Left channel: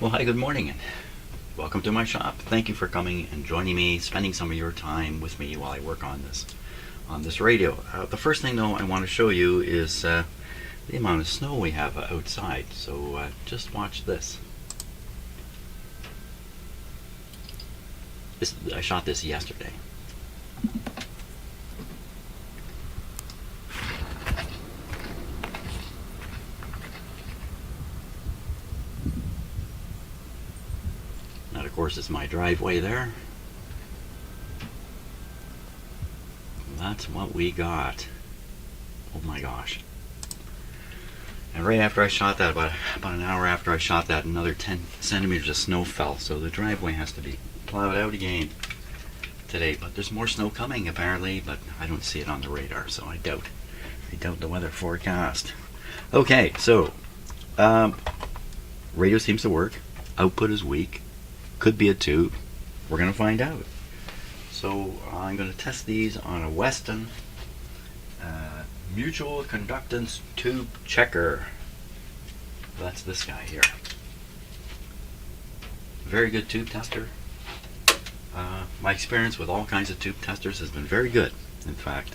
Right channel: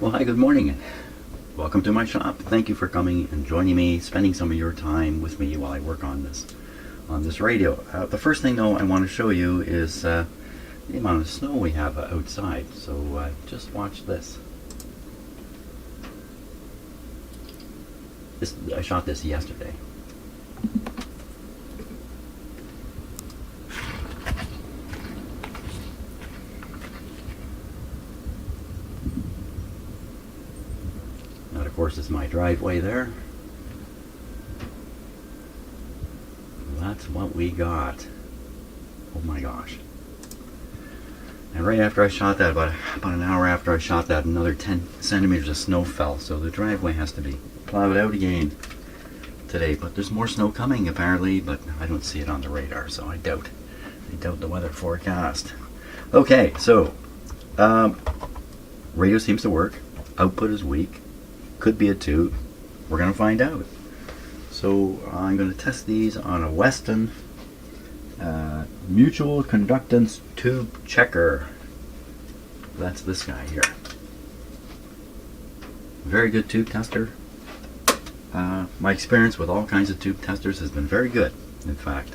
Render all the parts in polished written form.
Well, hi, good morning, and welcome to my shop. Thank you for coming and joining me, spending some of your time with me while I work on this radio. The first thing, though, I want to show you is the amount of snow we have outside. So just watch this. I shot this yesterday. That, of course, is my driveway there. That's what we got. Oh my gosh. And right after I shot that, about an hour after I shot that, another 10 centimeters of snow fell. So the driveway has to be plowed out again today. But there's more snow coming apparently, but I don't see it on the radar, so I doubt the weather forecast. Okay, so radio seems to work. Output is weak. Could be a tube. We're going to find out. So I'm going to test these on a Weston mutual conductance tube checker. That's this guy here. Very good tube tester. My experience with all kinds of tube testers has been very good. In fact,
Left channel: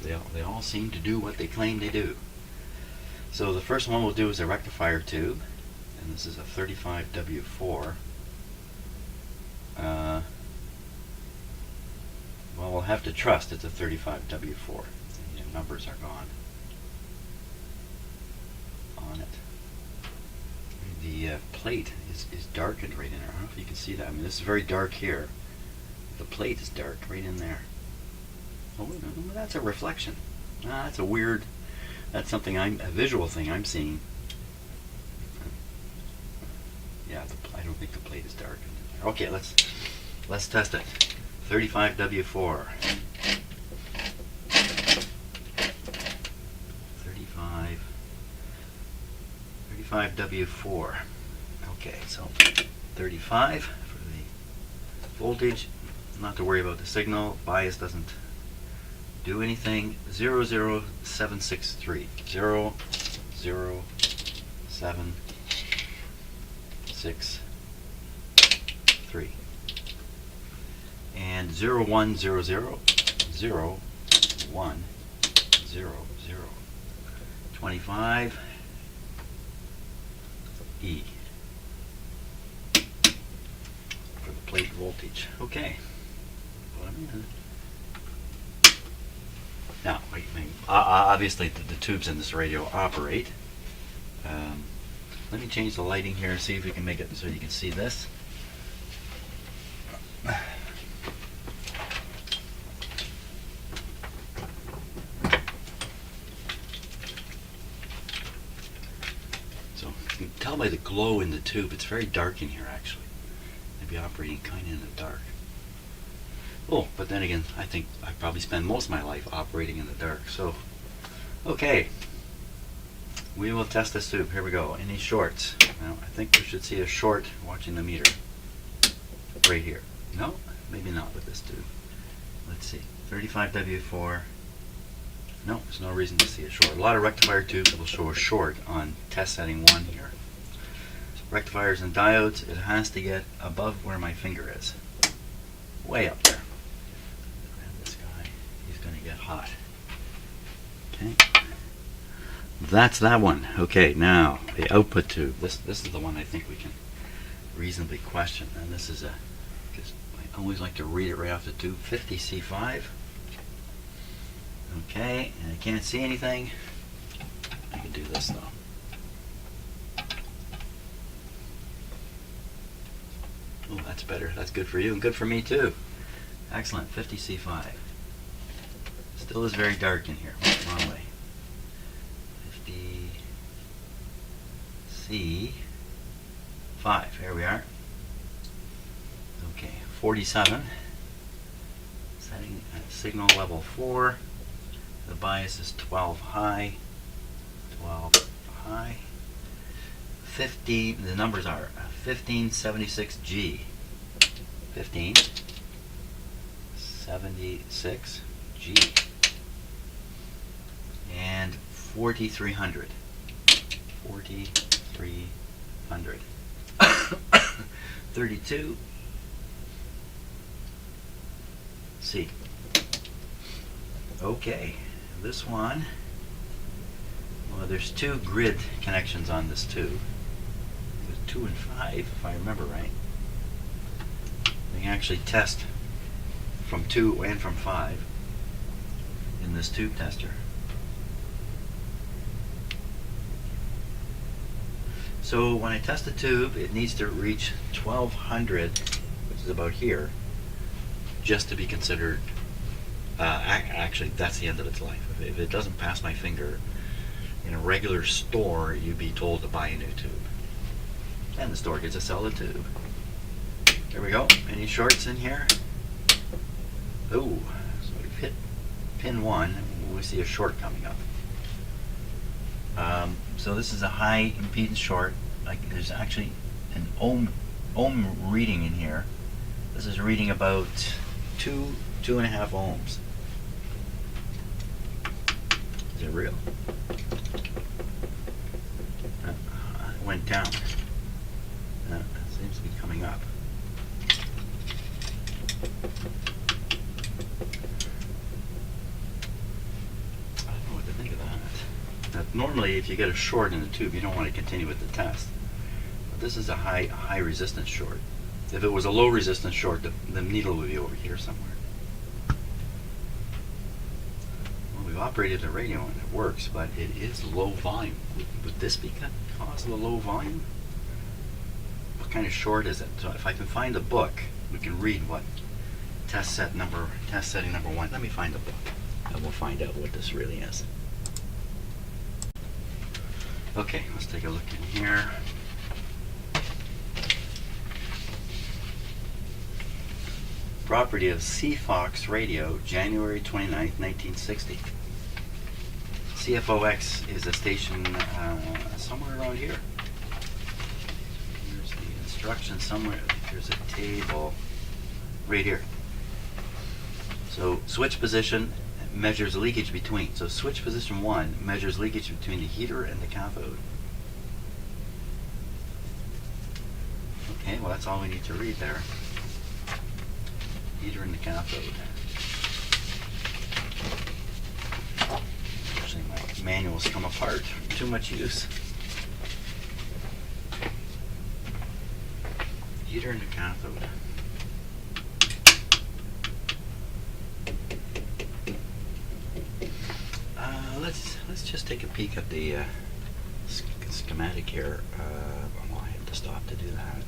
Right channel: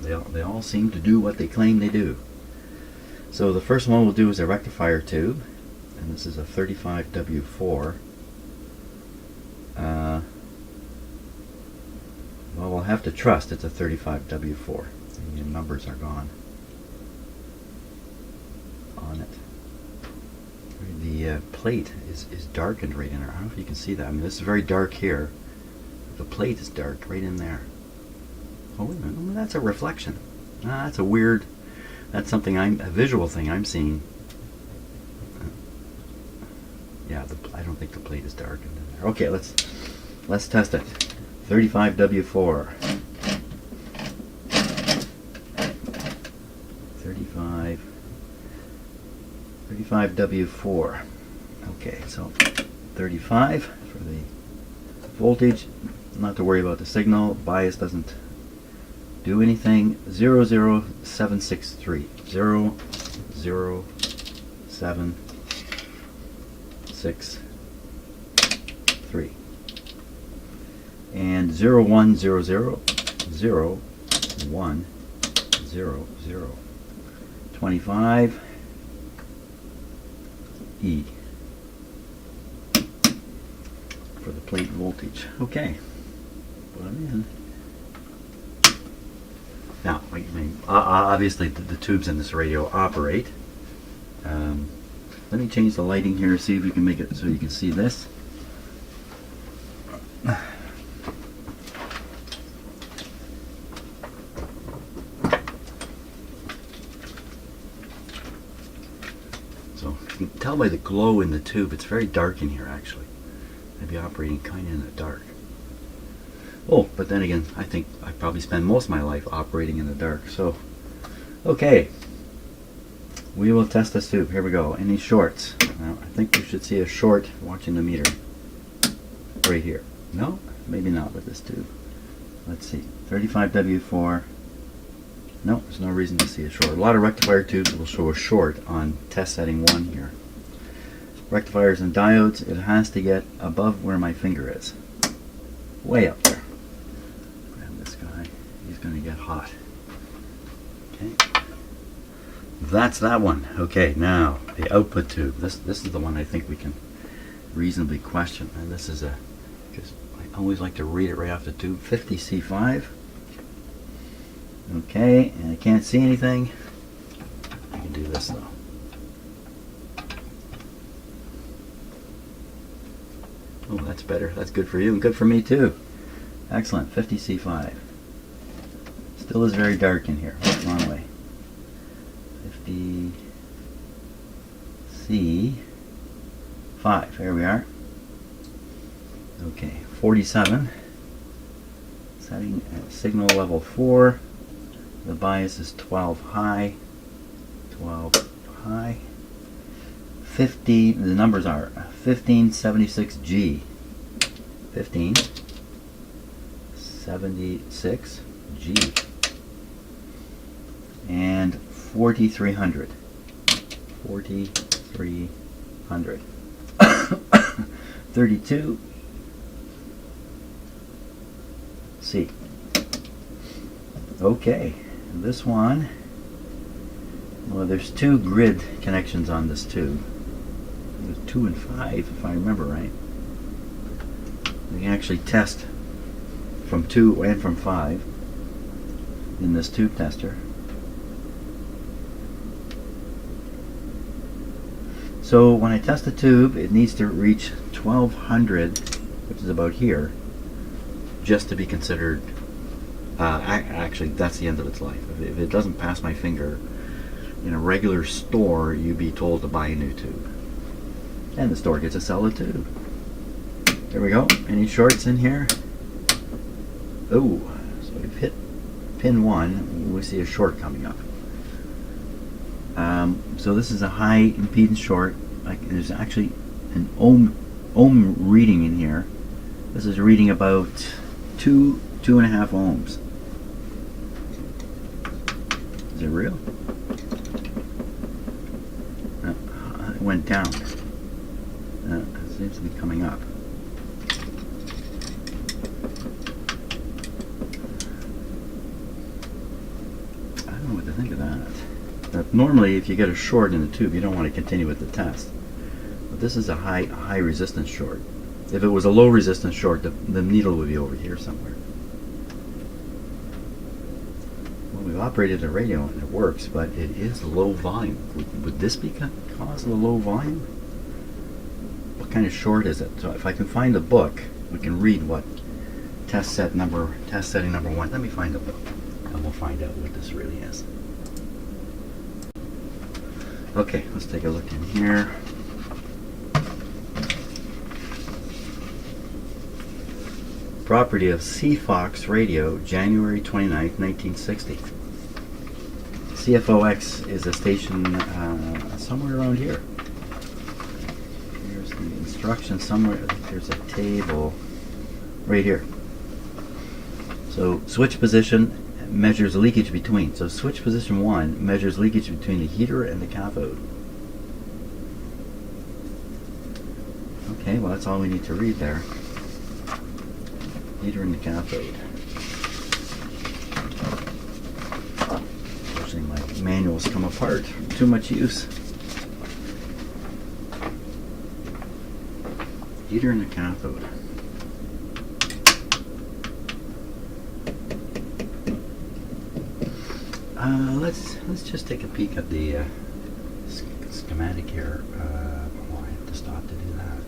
they all seem to do what they claim they do. So the first one we'll do is a rectifier tube, and this is a 35W4. Well, we'll have to trust it's a 35W4. The numbers are gone on it. The plate is darkened right in there. I don't know if you can see that. I mean, this is very dark here. The plate is dark right in there. Oh, wait a minute. Well, that's a reflection. That's a weird. That's something a visual thing I'm seeing. Yeah, I don't think the plate is darkened in there. Okay, let's test it. 35W4. 35W4. Okay, so 35 for the voltage. Not to worry about the signal. Bias doesn't do anything. 00763. 00763. And 0100. 0100. 25 E for the plate voltage. Okay. Put them in. Now, obviously the tubes in this radio operate. Let me change the lighting here, see if we can make it so you can see this. So you can tell by the glow in the tube, it's very dark in here actually. I'd be operating kind of in the dark. Oh, but then again, I think I probably spend most of my life operating in the dark. So, okay, we will test this tube. Here we go. Any shorts? Now, I think we should see a short watching the meter right here. No, maybe not with this tube. Let's see. 35W4. No, there's no reason to see a short. A lot of rectifier tubes will show a short on test setting 1 here. Rectifiers and diodes, it has to get above where my finger is. Way up there. Grab this guy. He's going to get hot. Okay. That's that one. Okay, now the output tube. This is the one I think we can reasonably question. And this is I always like to read it right off the tube. 50C5. Okay, and I can't see anything. I can do this though. Oh, that's better. That's good for you and good for me too. Excellent. 50C5. Still is very dark in here. Wrong way. 50C5. Here we are. Okay, 47. Setting at signal level 4. The bias is 12 high. 12 high. 50, the numbers are 1576G. 1576G. And 4300. 4300. 100. 32 C. Okay, this one, well, there's two grid connections on this tube. There's 2 and 5, if I remember right. We can actually test from 2 and from 5 in this tube tester. So when I test the tube, it needs to reach 1200, which is about here, just to be considered, actually that's the end of its life. If it doesn't pass my finger, in a regular store you'd be told to buy a new tube. And the store gets to sell the tube. There we go. Any shorts in here? Oh, so we've hit pin 1. We see a short coming up. So this is a high impedance short. There's actually an ohm reading in here. This is reading about 2.5 ohms. Is it real? It went down. It seems to be coming up. I don't know what to think of that. Normally, if you get a short in the tube, you don't want to continue with the test. But this is a high resistance short. If it was a low resistance short, the needle would be over here somewhere. Well, we've operated the radio and it works, but it is low volume. Would this be cause of the low volume? What kind of short is it? So if I can find a book, we can read what test setting number 1. Let me find a book, and we'll find out what this really is. Okay, let's take a look in here. Property of CFOX radio, January 29th, 1960. CFOX is a station somewhere around here. Here's the instructions somewhere. There's a table right here. So switch position measures leakage between. So switch position 1 measures leakage between the heater and the cathode. Okay, well that's all we need to read there. Heater and the cathode. Unfortunately my manuals come apart from too much use. Heater and the cathode. Let's just take a peek at the schematic here. Oh, I have to stop to do that.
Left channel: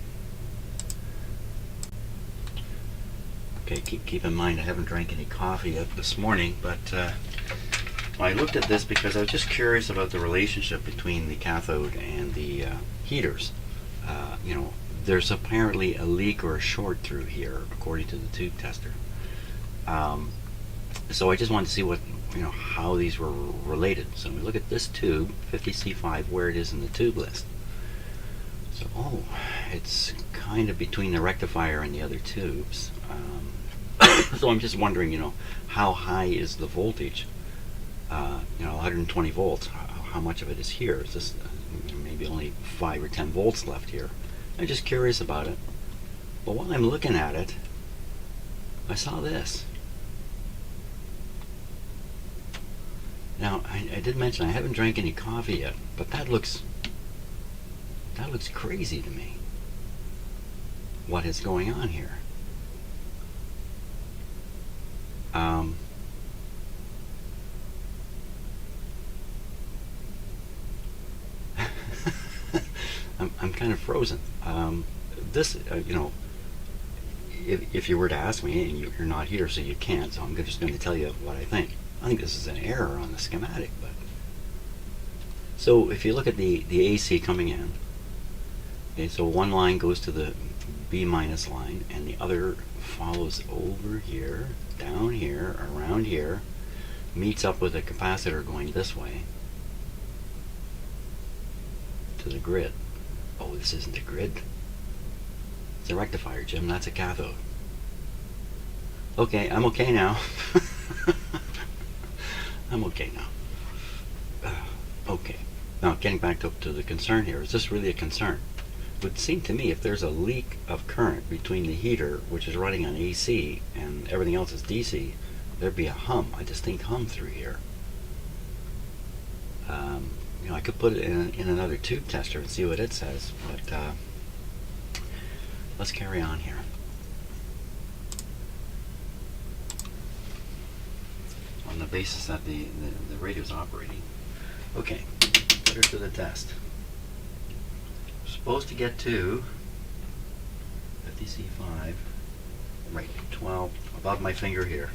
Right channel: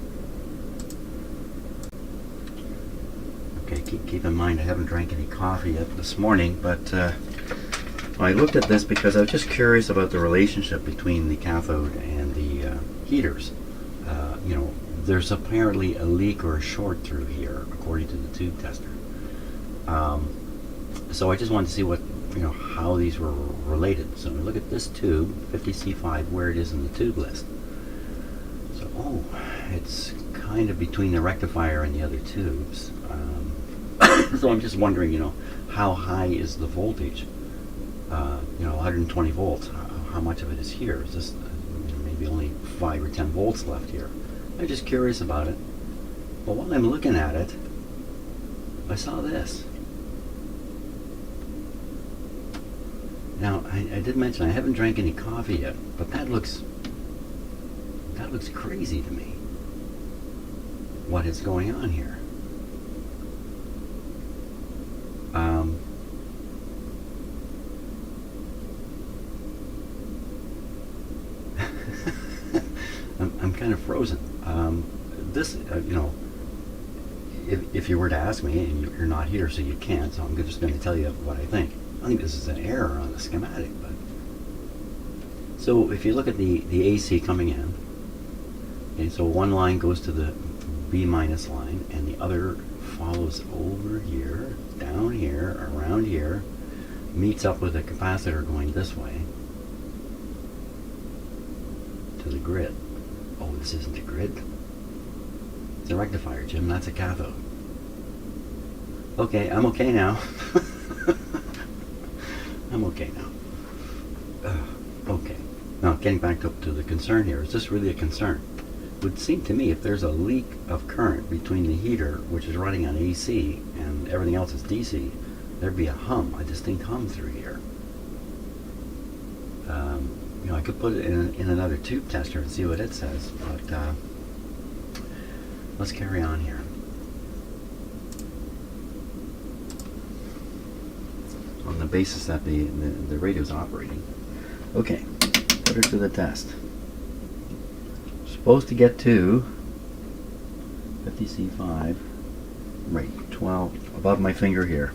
Okay, keep in mind I haven't drank any coffee yet this morning, but I looked at this because I was just curious about the relationship between the cathode and the heaters. There's apparently a leak or a short through here, according to the tube tester. So I just wanted to see how these were related. So we look at this tube, 50C5, where it is in the tube list. So, it's kind of between the rectifier and the other tubes. So I'm just wondering, how high is the voltage? 120 volts. How much of it is here? Is this maybe only 5 or 10 volts left here? I'm just curious about it. But while I'm looking at it, I saw this. Now, I did mention I haven't drank any coffee yet, but that looks crazy to me. What is going on here? I'm kind of frozen. This, if you were to ask me, and you're not here, so you can't, so I'm just going to tell you what I think. I think this is an error on the schematic, but so if you look at the AC coming in, okay, so one line goes to the B minus line, and the other follows over here, down here, around here, meets up with a capacitor going this way to the grid. Oh, this isn't a grid. It's a rectifier, Jim. That's a cathode. Okay, I'm okay now. I'm okay now. Okay. Now, getting back up to the concern here. Is this really a concern? would seem to me if there's a leak of current between the heater, which is running on AC, and everything else is DC, there'd be a distinct hum through here. You know, I could put it in another tube tester and see what it says, but let's carry on here. On the basis that the radio's operating. Okay, put her to the test. Supposed to get to 50C5, right, 12, above my finger here.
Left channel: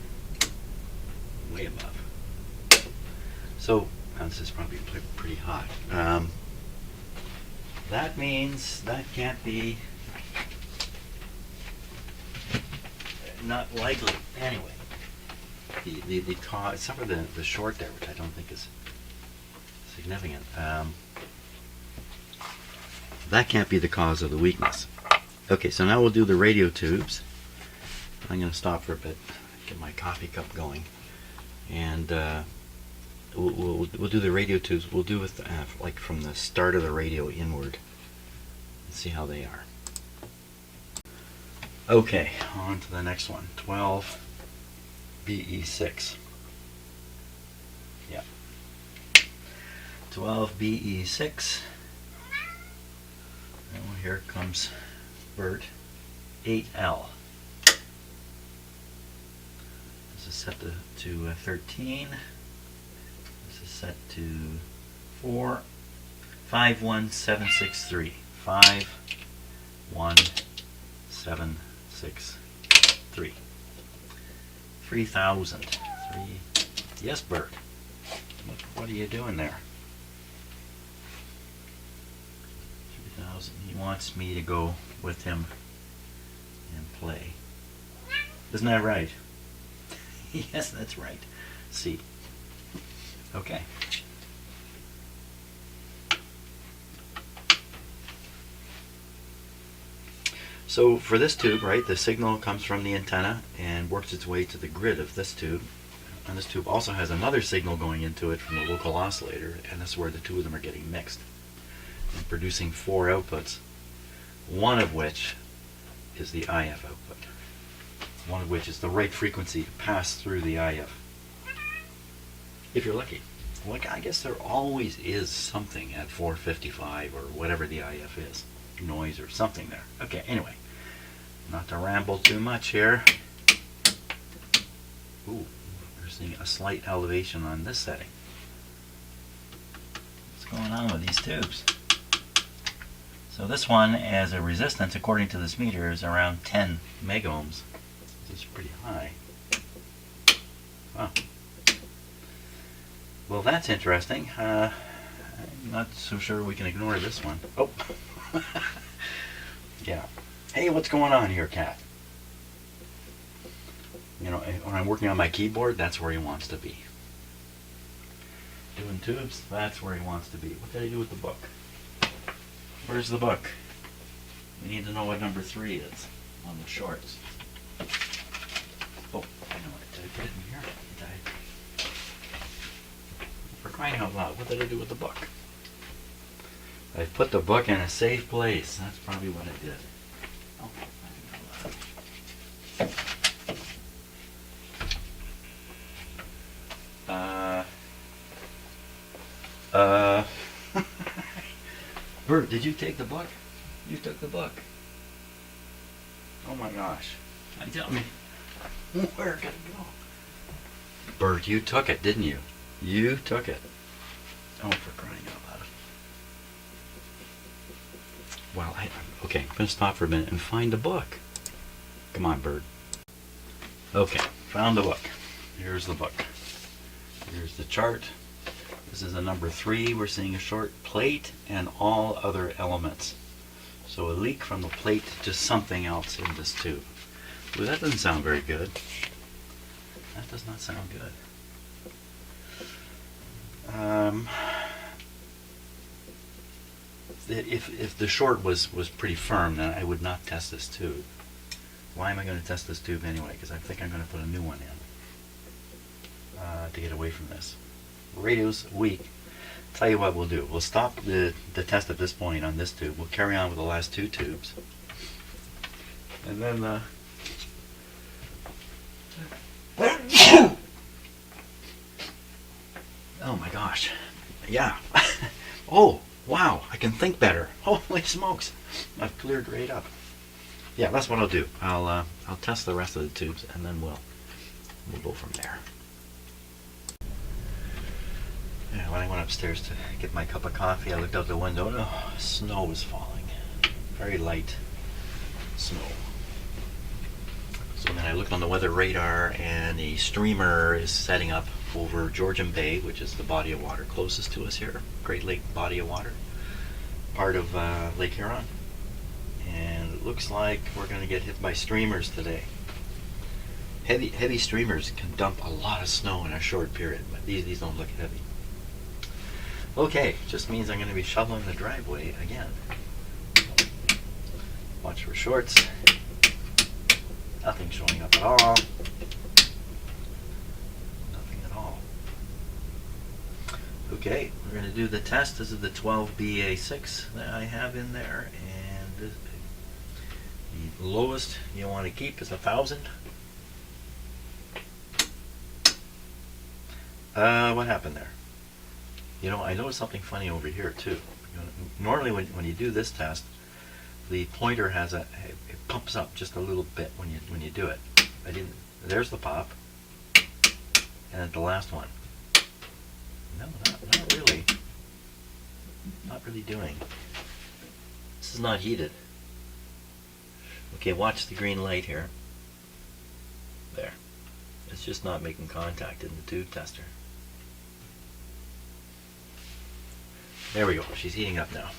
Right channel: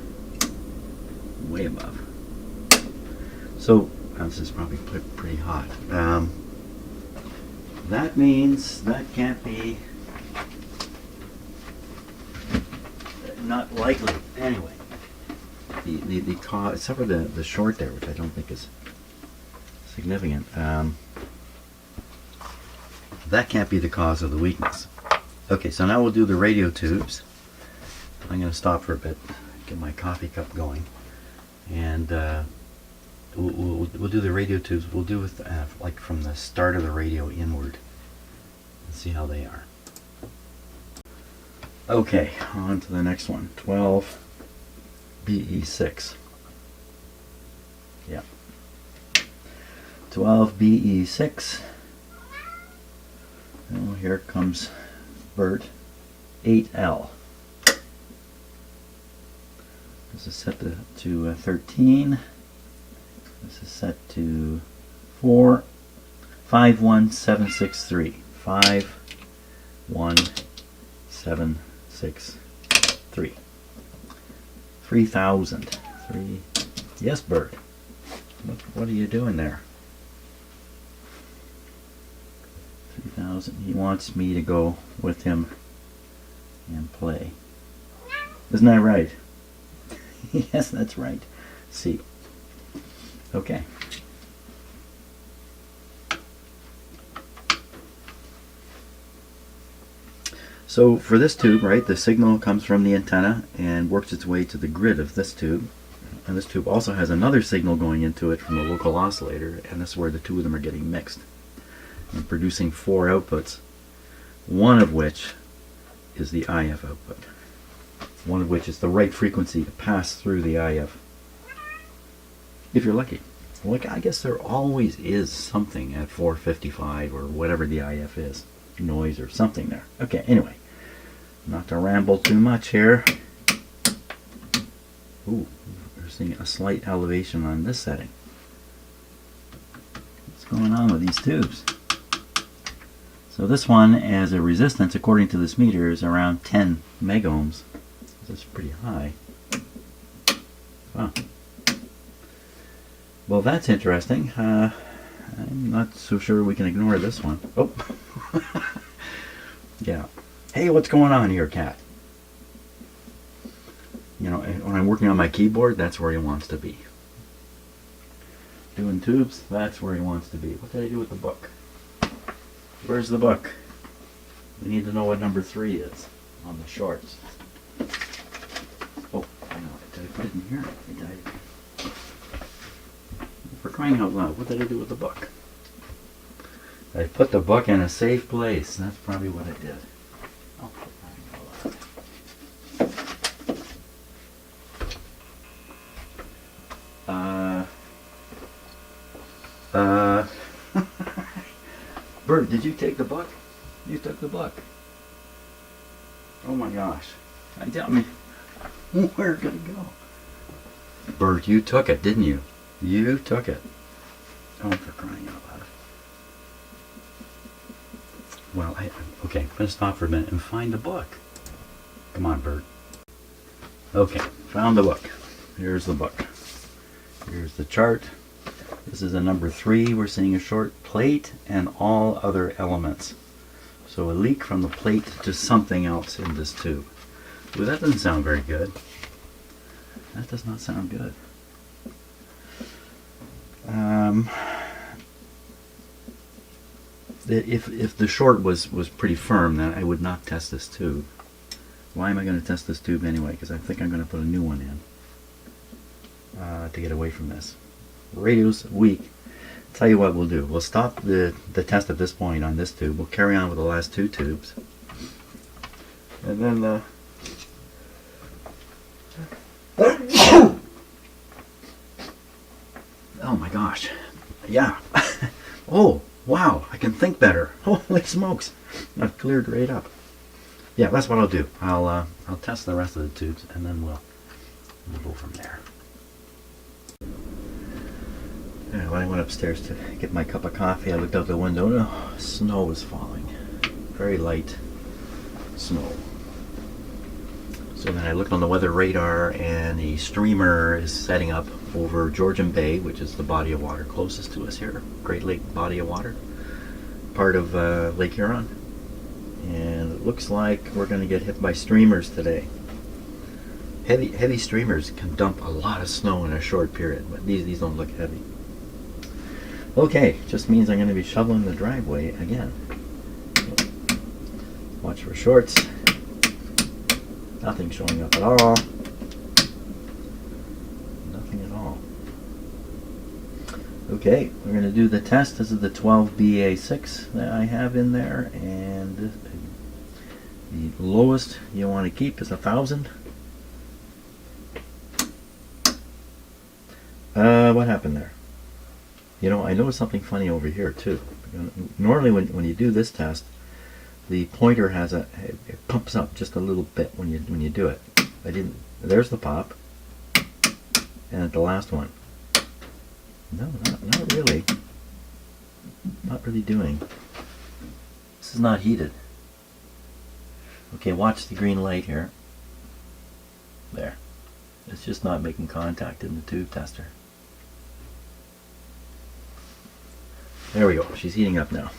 Way above. So, this is probably pretty hot. That means that can't be, not likely. Anyway, the cause, except for the short there, which I don't think is significant, that can't be the cause of the weakness. Okay, so now we'll do the radio tubes. I'm going to stop for a bit, get my coffee cup going, and we'll do the radio tubes. We'll do it like from the start of the radio inward and see how they are. Okay, on to the next one. 12 BE6. Yep. 12 BE6. Oh, here comes Bert. 8L. This is set to 13. This is set to 51763. 51763. 3000. 3. Yes, Bert. What are you doing there? 3000. He wants me to go with him and play. Isn't that right? Yes, that's right. C. Okay. So for this tube, right, the signal comes from the antenna and works its way to the grid of this tube. And this tube also has another signal going into it from the local oscillator, and this is where the two of them are getting mixed and producing 4 outputs, one of which is the IF output. One of which is the right frequency to pass through the IF. If you're lucky. Well, I guess there always is something at 455 or whatever the IF is. Noise or something there. Okay, anyway. Not to ramble too much here. Ooh, we're seeing a slight elevation on this setting. What's going on with these tubes? So this one, as a resistance, according to this meter, is around 10 megohms. That's pretty high. Wow. Well, that's interesting. I'm not so sure we can ignore this one. Oh. Yeah. Hey, what's going on here, cat? You know, when I'm working on my keyboard, that's where he wants to be. Doing tubes, that's where he wants to be. What did I do with the book? Where's the book? We need to know what number 3 is on the shorts. Oh, I know. Did I put it in here? Did I? For crying out loud, what did I do with the book? I put the book in a safe place. That's probably what I did. Oh, for crying out loud. Bert, did you take the book? You took the book. Oh my gosh. Tell me, where did it go? Bert, you took it, didn't you? You took it. Oh, for crying out loud. Well, okay, I'm going to stop for a minute and find the book. Come on, Bert. Okay, found the book. Here's the book. Here's the chart. This is a number 3. We're seeing a short plate and all other elements. So a leak from the plate to something else in this tube. Well, that doesn't sound very good. That does not sound good. If the short was pretty firm, then I would not test this tube. Why am I going to test this tube anyway? Because I think I'm going to put a new one in to get away from this. Radio's weak. Tell you what we'll do. We'll stop the test at this point on this tube. We'll carry on with the last two tubes. And then oh my gosh. Yeah. Oh, wow. I can think better. Holy smokes. I've cleared right up. Yeah, that's what I'll do. I'll test the rest of the tubes and then we'll go from there. Yeah, when I went upstairs to get my cup of coffee, I looked out the window and snow was falling. Very light snow. So then I looked on the weather radar and the streamer is setting up over Georgian Bay, which is the body of water closest to us here. Great Lake body of water. Part of Lake Huron. And it looks like we're going to get hit by streamers today. Heavy streamers can dump a lot of snow in a short period, but these don't look heavy. Okay, just means I'm going to be shoveling the driveway again. So, watch for shorts. Nothing showing up at all. Nothing at all. Okay, we're going to do the test. This is the 12BA6 that I have in there, and the lowest you want to keep is 1,000. What happened there? You know, I noticed something funny over here too. Normally when you do this test, the pointer has it pumps up just a little bit when you do it. There's the pop. And the last one. No, not really. Not really doing. This is not heated. Okay, watch the green light here. There. It's just not making contact in the tube tester. There we go. She's heating up now.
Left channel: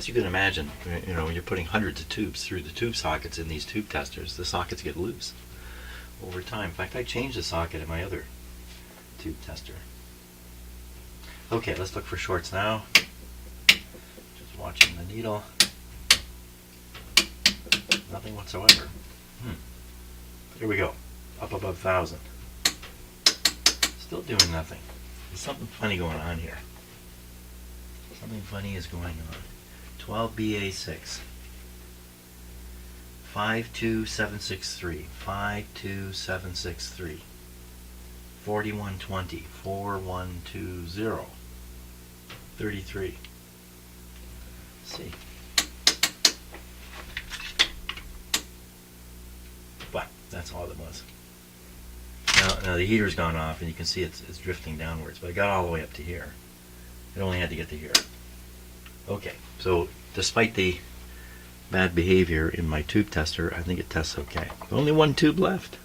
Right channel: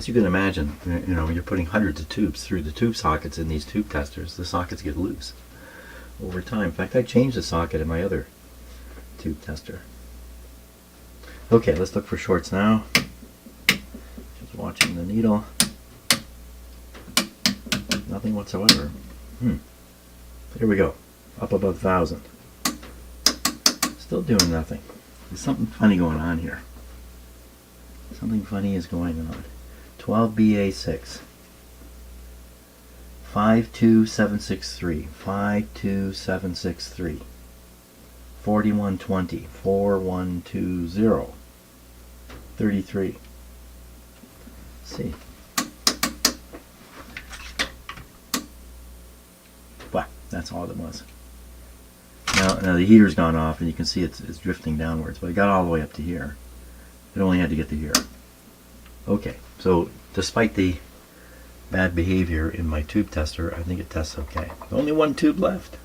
As you can imagine, you know, when you're putting hundreds of tubes through the tube sockets in these tube testers, the sockets get loose over time. In fact, I changed the socket in my other tube tester. Okay, let's look for shorts now. Just watching the needle. Nothing whatsoever. Here we go. Up above 1,000. Still doing nothing. There's something funny going on here. Something funny is going on. 12BA6. 52763. 52763. 4120. 4120. 33. Let's see. But that's all it was. Now the heater's gone off and you can see it's drifting downwards, but it got all the way up to here. It only had to get to here. Okay, so despite the bad behavior in my tube tester, I think it tests okay. Only one tube left.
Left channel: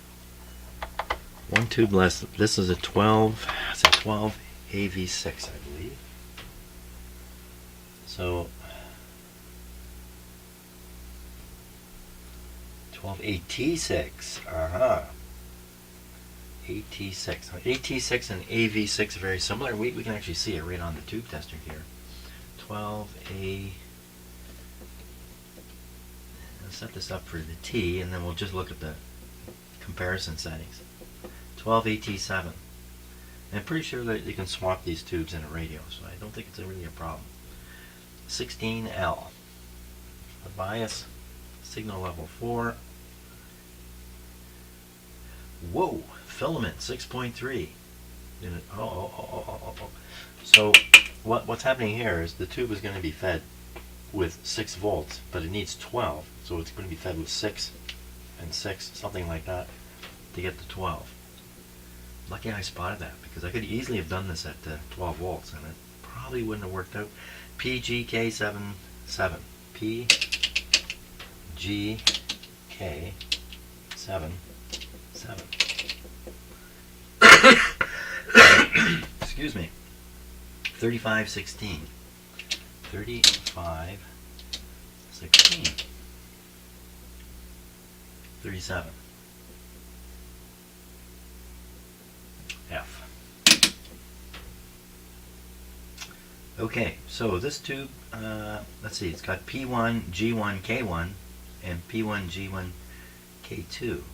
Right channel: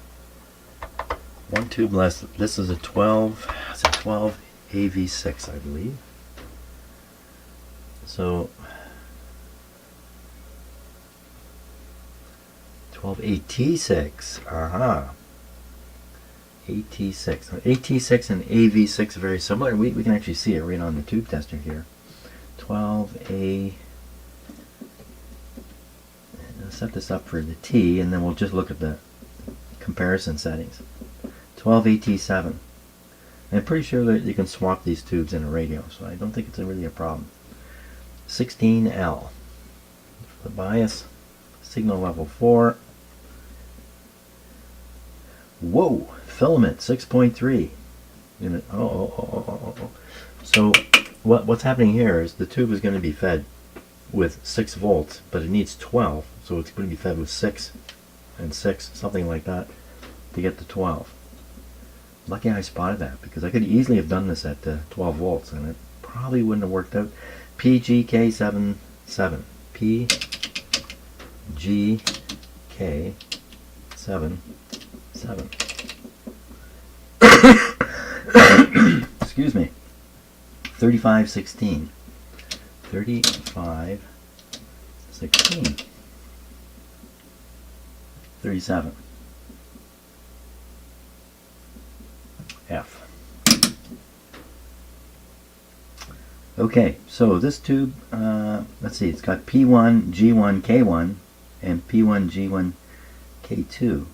One tube less. This is a 12 AV6, I believe. So 12 AT6. Aha. AT6. AT6 and AV6 are very similar. We can actually see it right on the tube tester here. 12A. I'll set this up for the T, and then we'll just look at the comparison settings. 12AT7. I'm pretty sure that you can swap these tubes in a radio, so I don't think it's really a problem. 16L. The bias. Signal level 4. Whoa! Filament 6.3. So what's happening here is the tube is going to be fed with 6 volts, but it needs 12, so it's going to be fed with 6 and 6, something like that, to get to 12. Lucky I spotted that, because I could easily have done this at 12 volts, and it probably wouldn't have worked out. PGK77. PGK77. Excuse me. 3516. 3516. 37. F. Okay, so this tube, let's see, it's got P1, G1, K1, and P1, G1, K2.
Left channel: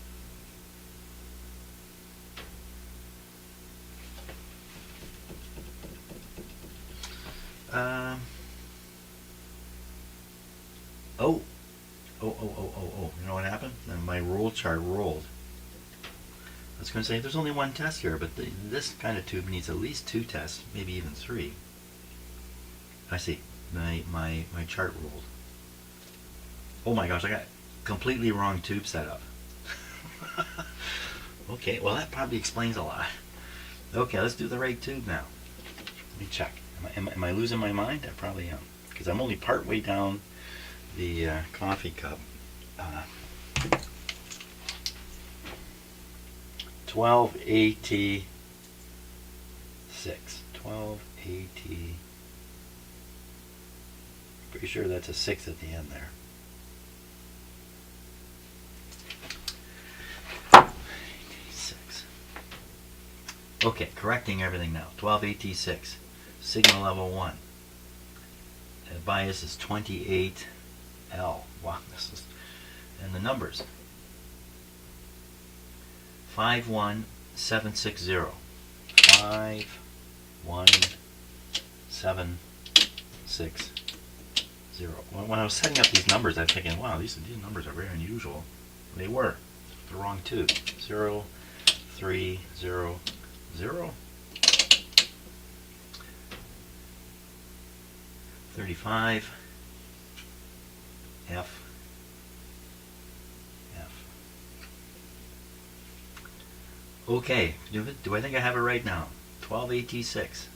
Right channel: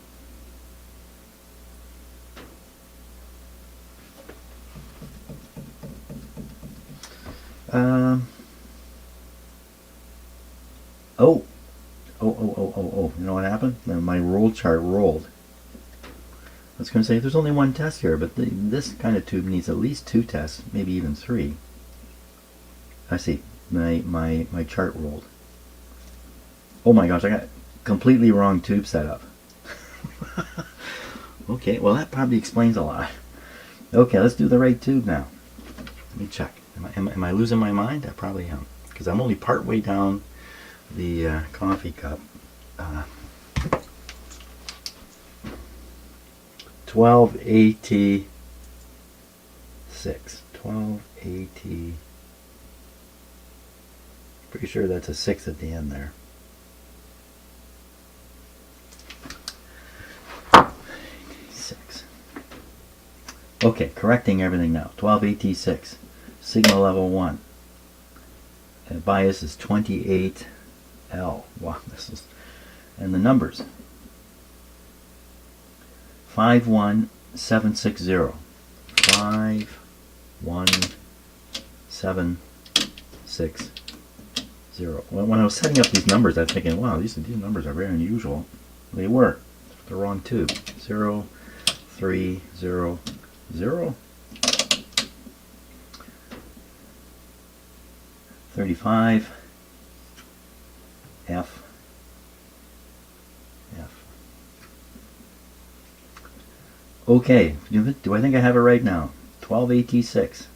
Um, oh, you know what happened? My roll chart rolled. I was going to say there's only one test here, but this kind of tube needs at least 2 tests, maybe even 3. I see. My chart rolled. Oh my gosh, I got completely wrong tube setup. Okay, well that probably explains a lot. Okay, let's do the right tube now. Let me check. Am I losing my mind? I probably am, because I'm only part way down the coffee cup. 1286. 1280. Pretty sure that's a 6 at the end there. Okay, correcting everything now. 1286. Signal level 1. And bias is 28L. Wow, this is... And the numbers. 51760. 51760. When I was setting up these numbers, I was thinking, wow, these numbers are very unusual. They were. The wrong tube. 0300. 35 F. Okay, do I think I have it right now? 1286.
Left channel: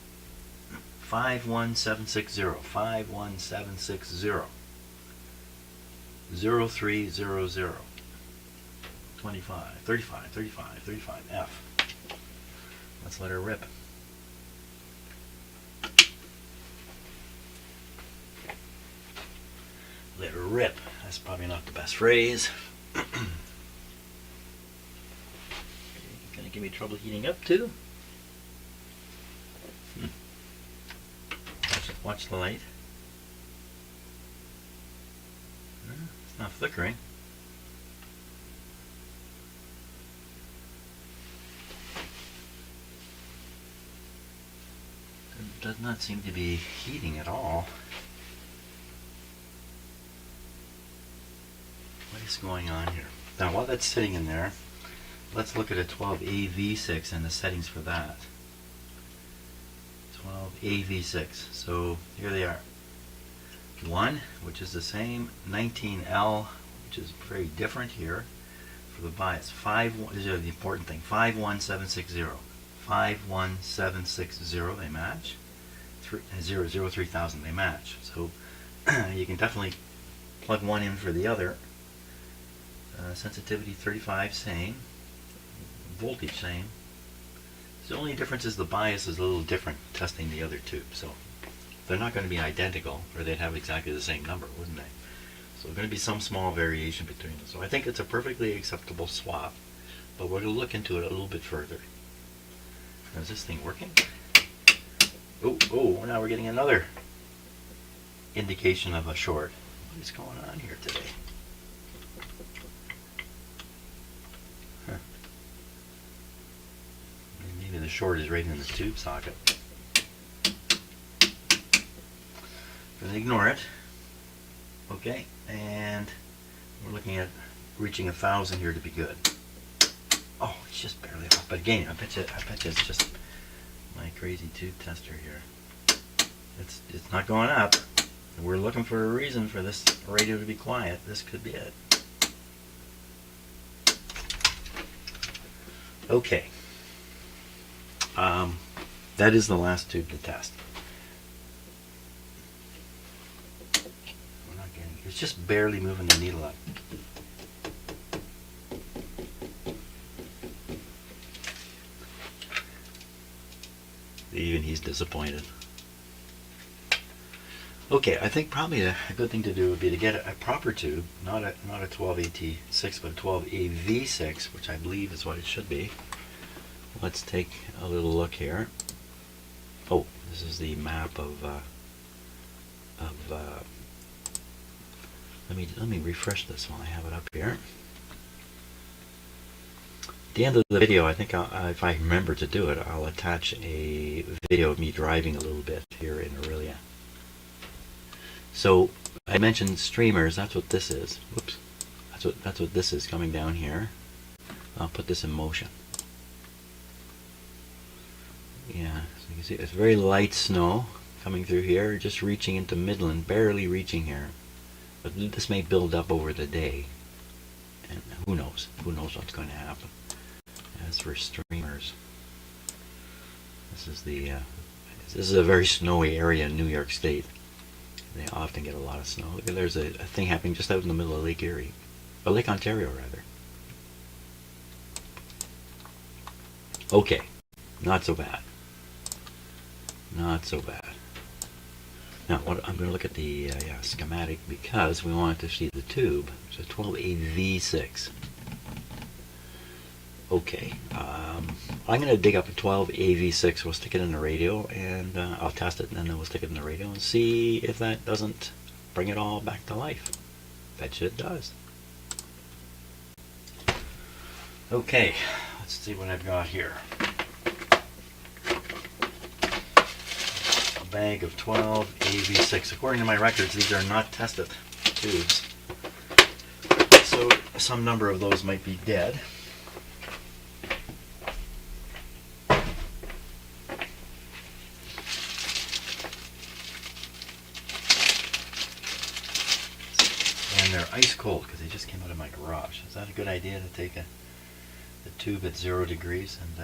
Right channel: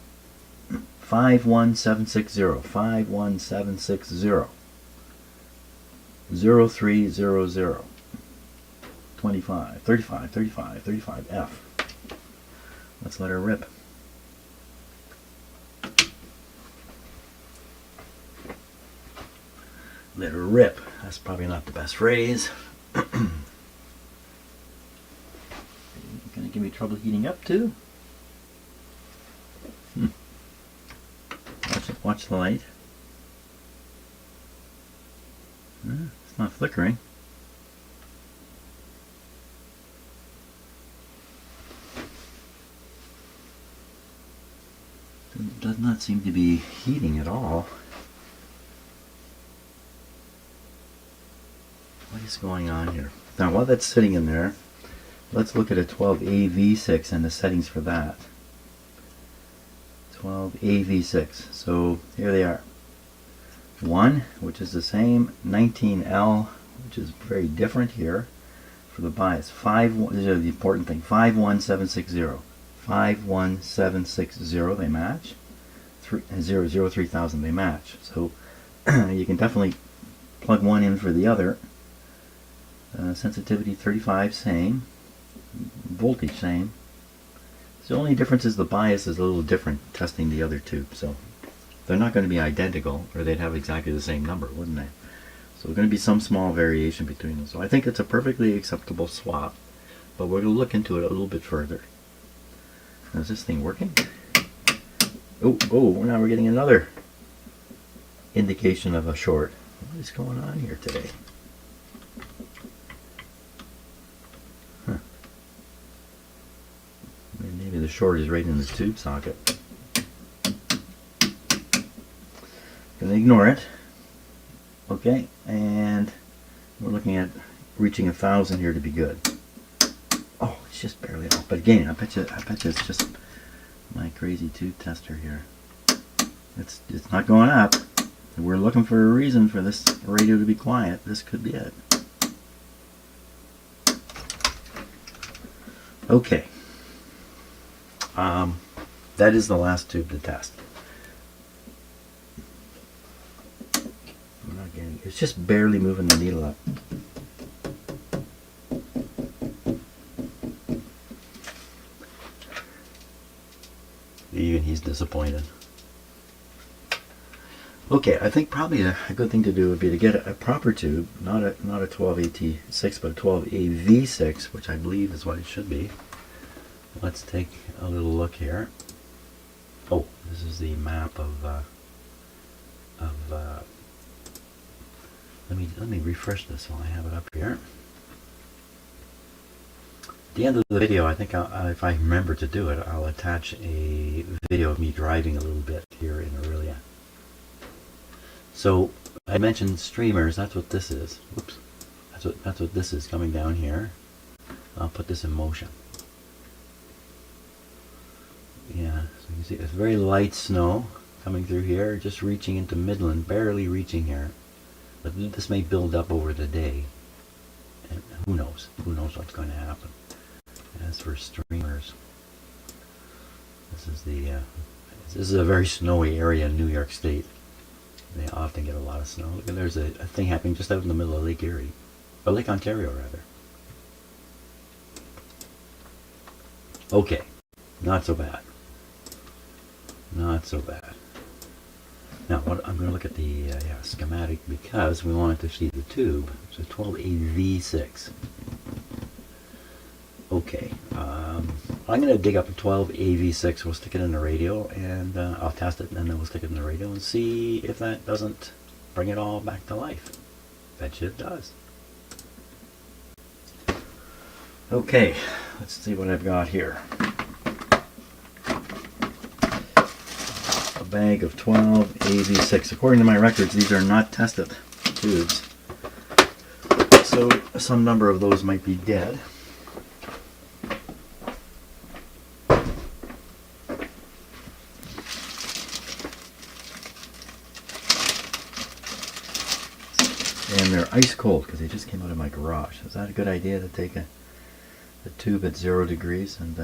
51760. 51760. 0300. 25, 35, 35, 35 F. Let's let her rip. Let her rip. That's probably not the best phrase. Gonna give me trouble heating up too? Watch the light. It's not flickering. It does not seem to be heating at all. What is going on here? Now while that's sitting in there, let's look at a 12AV6 and the settings for that. 12AV6. So here they are. 1, which is the same. 19L, which is very different here for the bias. 5, this is the important thing. 51760. 51760, they match. 303000, they match. So you can definitely plug one in for the other. Sensitivity 35, same. Voltage, same. The only difference is the bias is a little different testing the other tube. So they're not going to be identical, or they'd have exactly the same number, wouldn't they? So there's going to be some small variation between them. So I think it's a perfectly acceptable swap, but we're going to look into it a little bit further. Now, is this thing working? Oh, now we're getting another indication of a short. What is going on here today? Huh. Maybe the short is right in the tube socket. Gonna ignore it. Okay, and we're looking at reaching 1,000 here to be good. Oh, it's just barely off. But again, I bet you it's just my crazy tube tester here. It's not going up. We're looking for a reason for this radio to be quiet. This could be it. Okay. That is the last tube to test. We're not getting. It's just barely moving the needle up. Even he's disappointed. Okay, I think probably a good thing to do would be to get a proper tube, not a 12AT6, but a 12AV6, which I believe is what it should be. Let's take a little look here. Oh, this is the map of let me refresh this while I have it up here. At the end of the video, I think if I remember to do it, I'll attach a video of me driving a little bit here in Aurelia. So I mentioned streamers. That's what this is. Whoops. That's what this is coming down here. I'll put this in motion. Yeah, so you can see it's very light snow coming through here, just reaching into Midland, barely reaching here. But this may build up over the day. And who knows? Who knows what's going to happen? As for streamers, this is a very snowy area in New York State. They often get a lot of snow. There's a thing happening just out in the middle of Lake Erie, or Lake Ontario rather. Okay, not so bad. Not so bad. Now, what I'm going to look at the schematic because we want to see the tube. So 12AV6. Okay, I'm going to dig up a 12AV6. We'll stick it in the radio, and I'll test it, and then we'll stick it in the radio and see if that doesn't bring it all back to life. Bet you it does. Okay, let's see what I've got here. A bag of 12AV6. According to my records, these are not tested tubes. So some number of those might be dead. And they're ice cold because they just came out of my garage. Is that a good idea to take the tube at 0 degrees and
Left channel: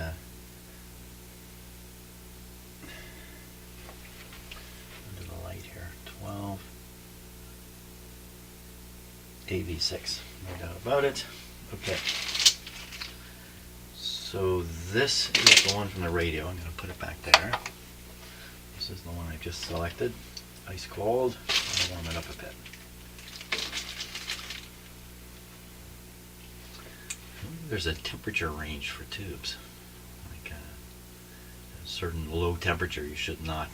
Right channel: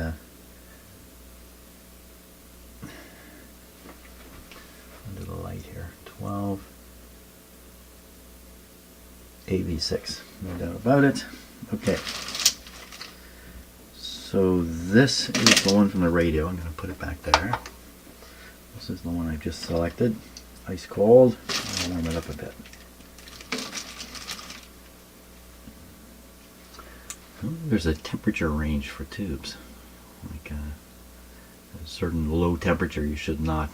under the light here? 12AV6. No doubt about it. Okay. So this is the one from the radio. I'm going to put it back there. This is the one I just selected. Ice cold. I'll warm it up a bit. There's a temperature range for tubes. Like a certain low temperature, you should not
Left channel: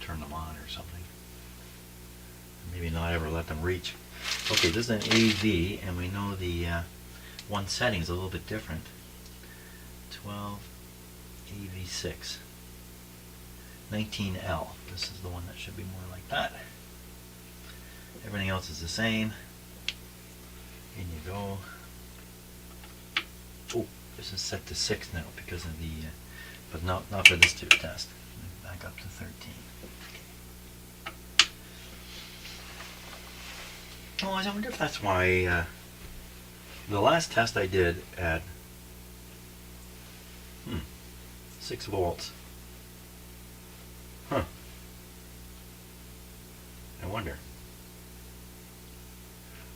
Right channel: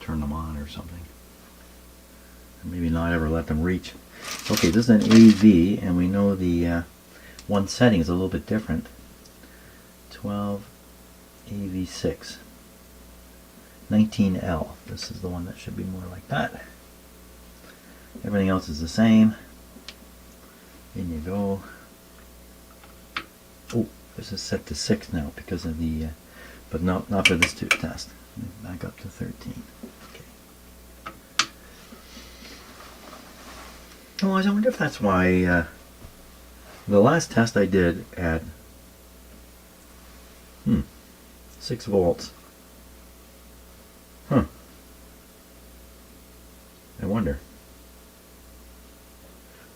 turn them on or something. Maybe not ever let them reach. Okay, this is an AV, and we know the one setting is a little bit different. 12AV6. 19L. This is the one that should be more like that. Everything else is the same. In you go. Oh, this is set to 6 now because of the, but not for this tube test. Back up to 13. Okay. Oh, I wonder if that's why the last test I did at 6 volts. Huh. I wonder.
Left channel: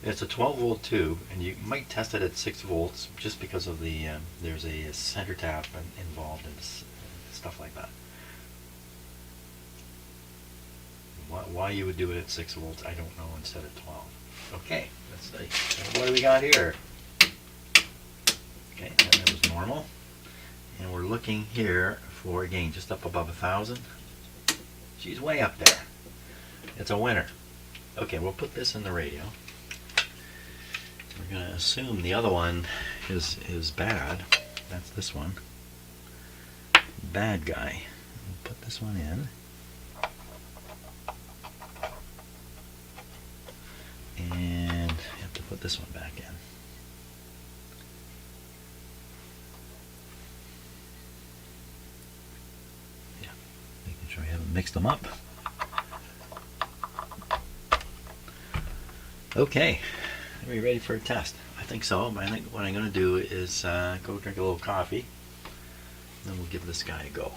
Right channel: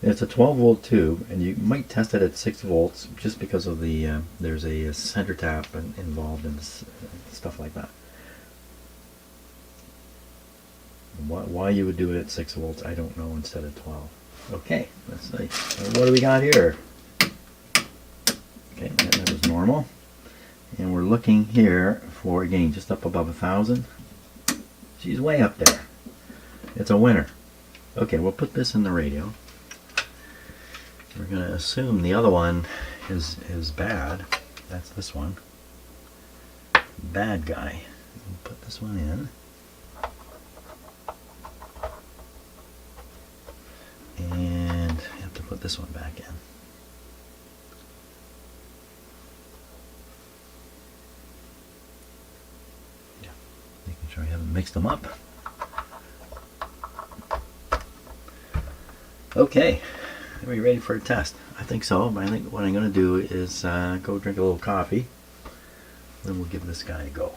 It's a 12 volt tube, and you might test it at 6 volts just because of the there's a center tap involved in this, stuff like that. Why you would do it at 6 volts, I don't know, instead of 12. Okay, let's see. What do we got here? Okay, that was normal. And we're looking here for, again, just up above 1,000. She's way up there. It's a winner. Okay, we'll put this in the radio. We're going to assume the other one is bad. That's this one. Bad guy. We'll put this one in. And you have to put this one back in. Yeah, making sure I haven't mixed them up. Okay. Are we ready for a test? I think so, but I think what I'm going to do is go drink a little coffee. Then we'll give this guy a go.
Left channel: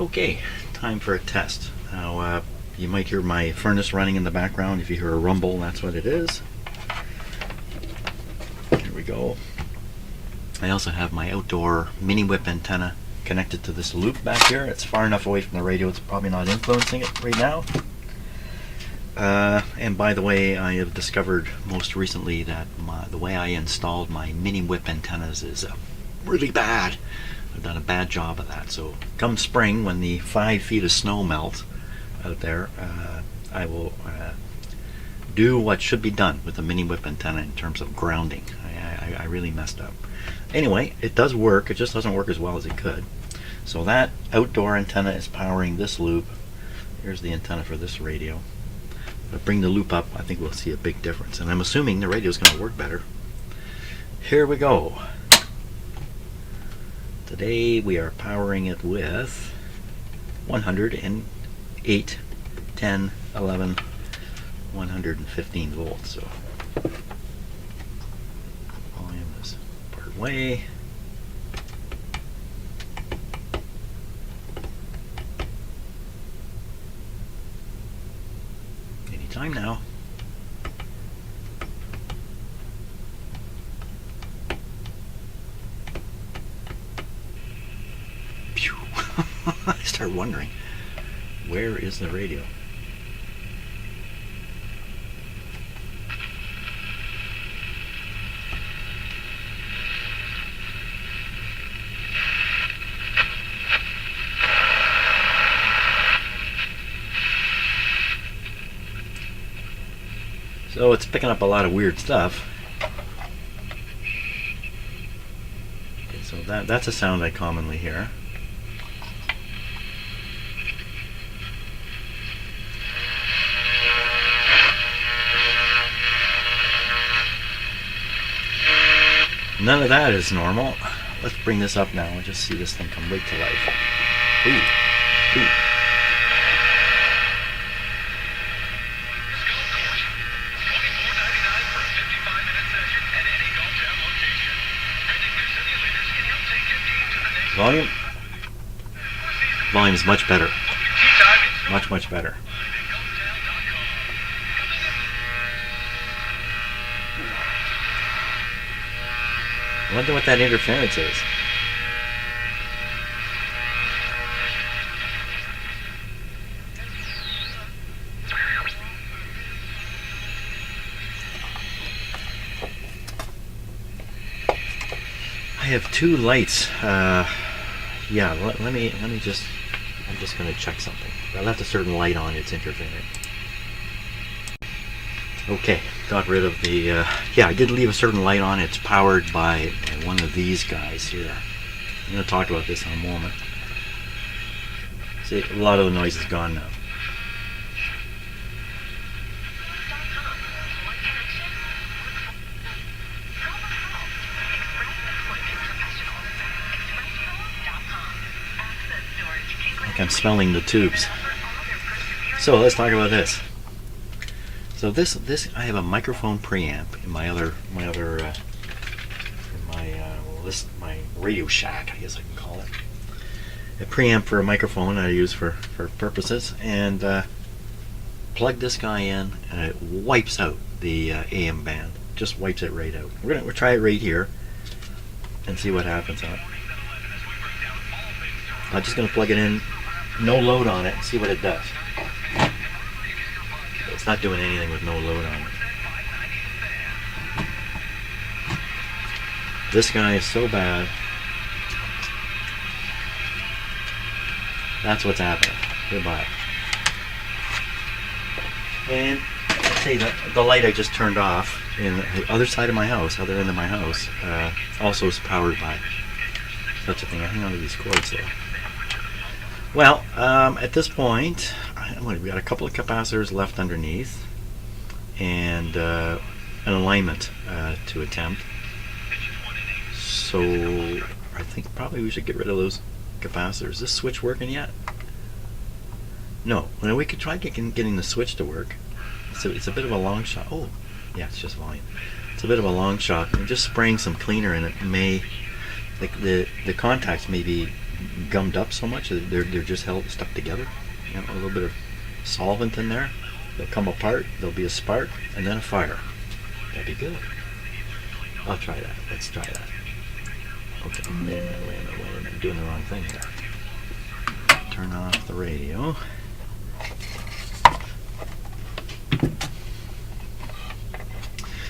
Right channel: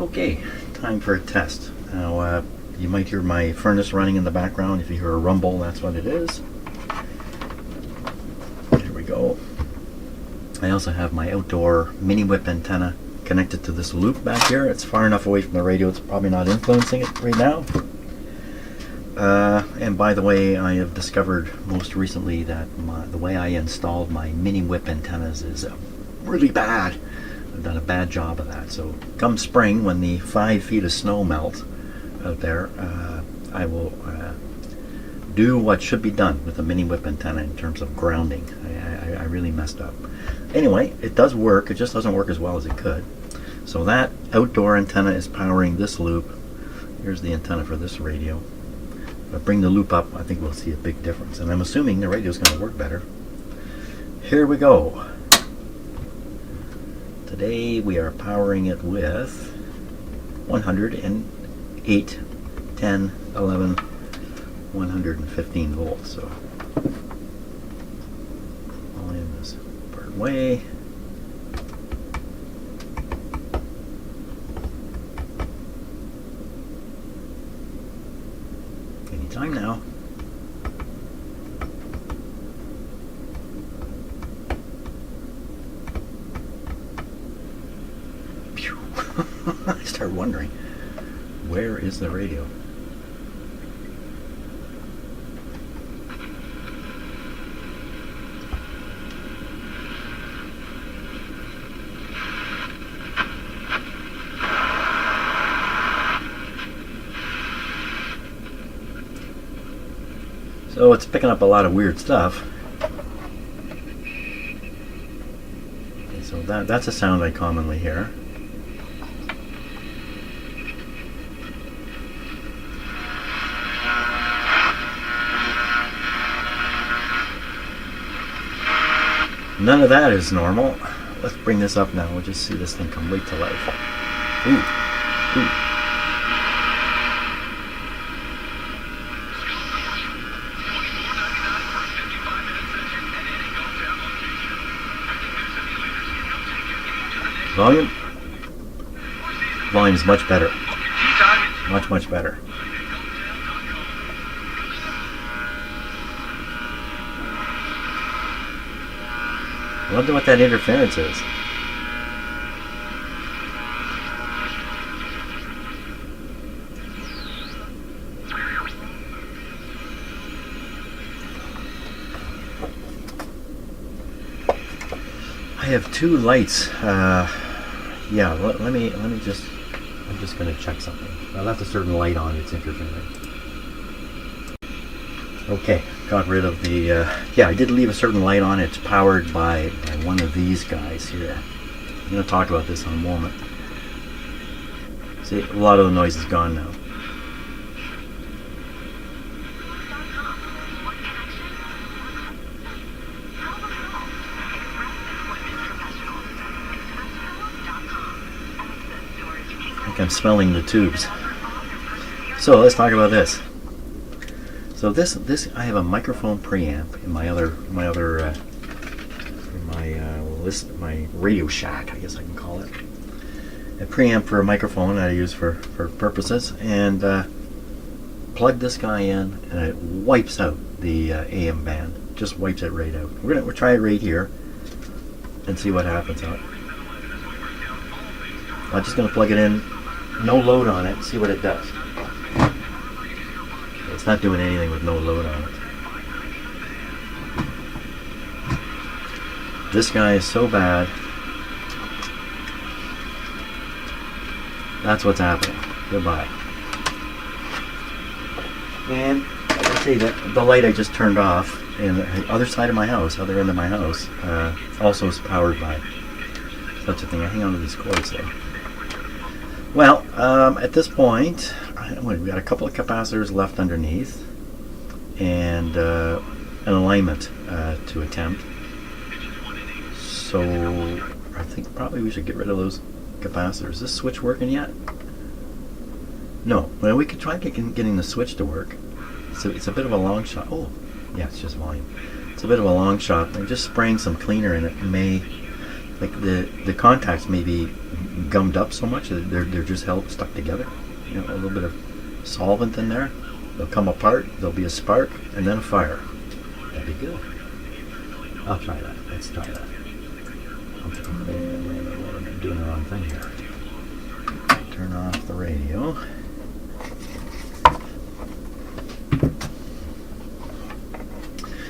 Okay, time for a test. Now, you might hear my furnace running in the background. If you hear a rumble, that's what it is. Here we go. I also have my outdoor mini whip antenna connected to this loop back here. It's far enough away from the radio, it's probably not influencing it right now. And by the way, I have discovered most recently that the way I installed my mini whip antennas is really bad. I've done a bad job of that. So come spring, when the 5 feet of snow melt out there, I will do what should be done with the mini whip antenna in terms of grounding. I really messed up. Anyway, it does work. It just doesn't work as well as it could. So that outdoor antenna is powering this loop. Here's the antenna for this radio. If I bring the loop up, I think we'll see a big difference. And I'm assuming the radio is going to work better. Here we go. Today we are powering it with 108, 10, 11, 115 volts. So volume is part way. Anytime now. Phew. I start wondering, where is the radio? So it's picking up a lot of weird stuff. Okay, so that's a sound I commonly hear. None of that is normal. Let's bring this up now. We'll just see this thing come right to life. Ooh. Ooh. Volume? Volume's much better. Much, much better. I wonder what that interference is. I have two lights. Yeah, let me just. I'm just going to check something. I left a certain light on. It's interfering. Okay, got rid of the. Yeah, I did leave a certain light on. It's powered by one of these guys here. I'm going to talk about this in a moment. See, a lot of the noise is gone now. I'm smelling the tubes. So let's talk about this. So this I have a microphone preamp in my my Radio Shack, I guess I can call it. A preamp for a microphone that I use for purposes, and plug this guy in, and it wipes out the AM band. Just wipes it right out. We'll try it right here and see what happens. I'm just going to plug it in. No load on it and see what it does. It's not doing anything with no load on it. This guy is so bad. That's what's happening. Goodbye. And let's see, the light I just turned off in the other side of my house, other end of my house, also is powered by such a thing. I hang on to these cords though. Well, at this point, we've got a couple of capacitors left underneath, and an alignment to attempt. So I think probably we should get rid of those capacitors. Is this switch working yet? No. Well, we could try getting the switch to work. It's a bit of a long shot. Oh, yeah, it's just volume. It's a bit of a long shot. And just spraying some cleaner in it may, like the contacts may be gummed up so much that they're just stuck together. You know, a little bit of solvent in there. They'll come apart. There'll be a spark and then a fire. That'd be good. I'll try that. Let's try that. Okay. Wait a minute. I'm doing the wrong thing here. Turn off the radio.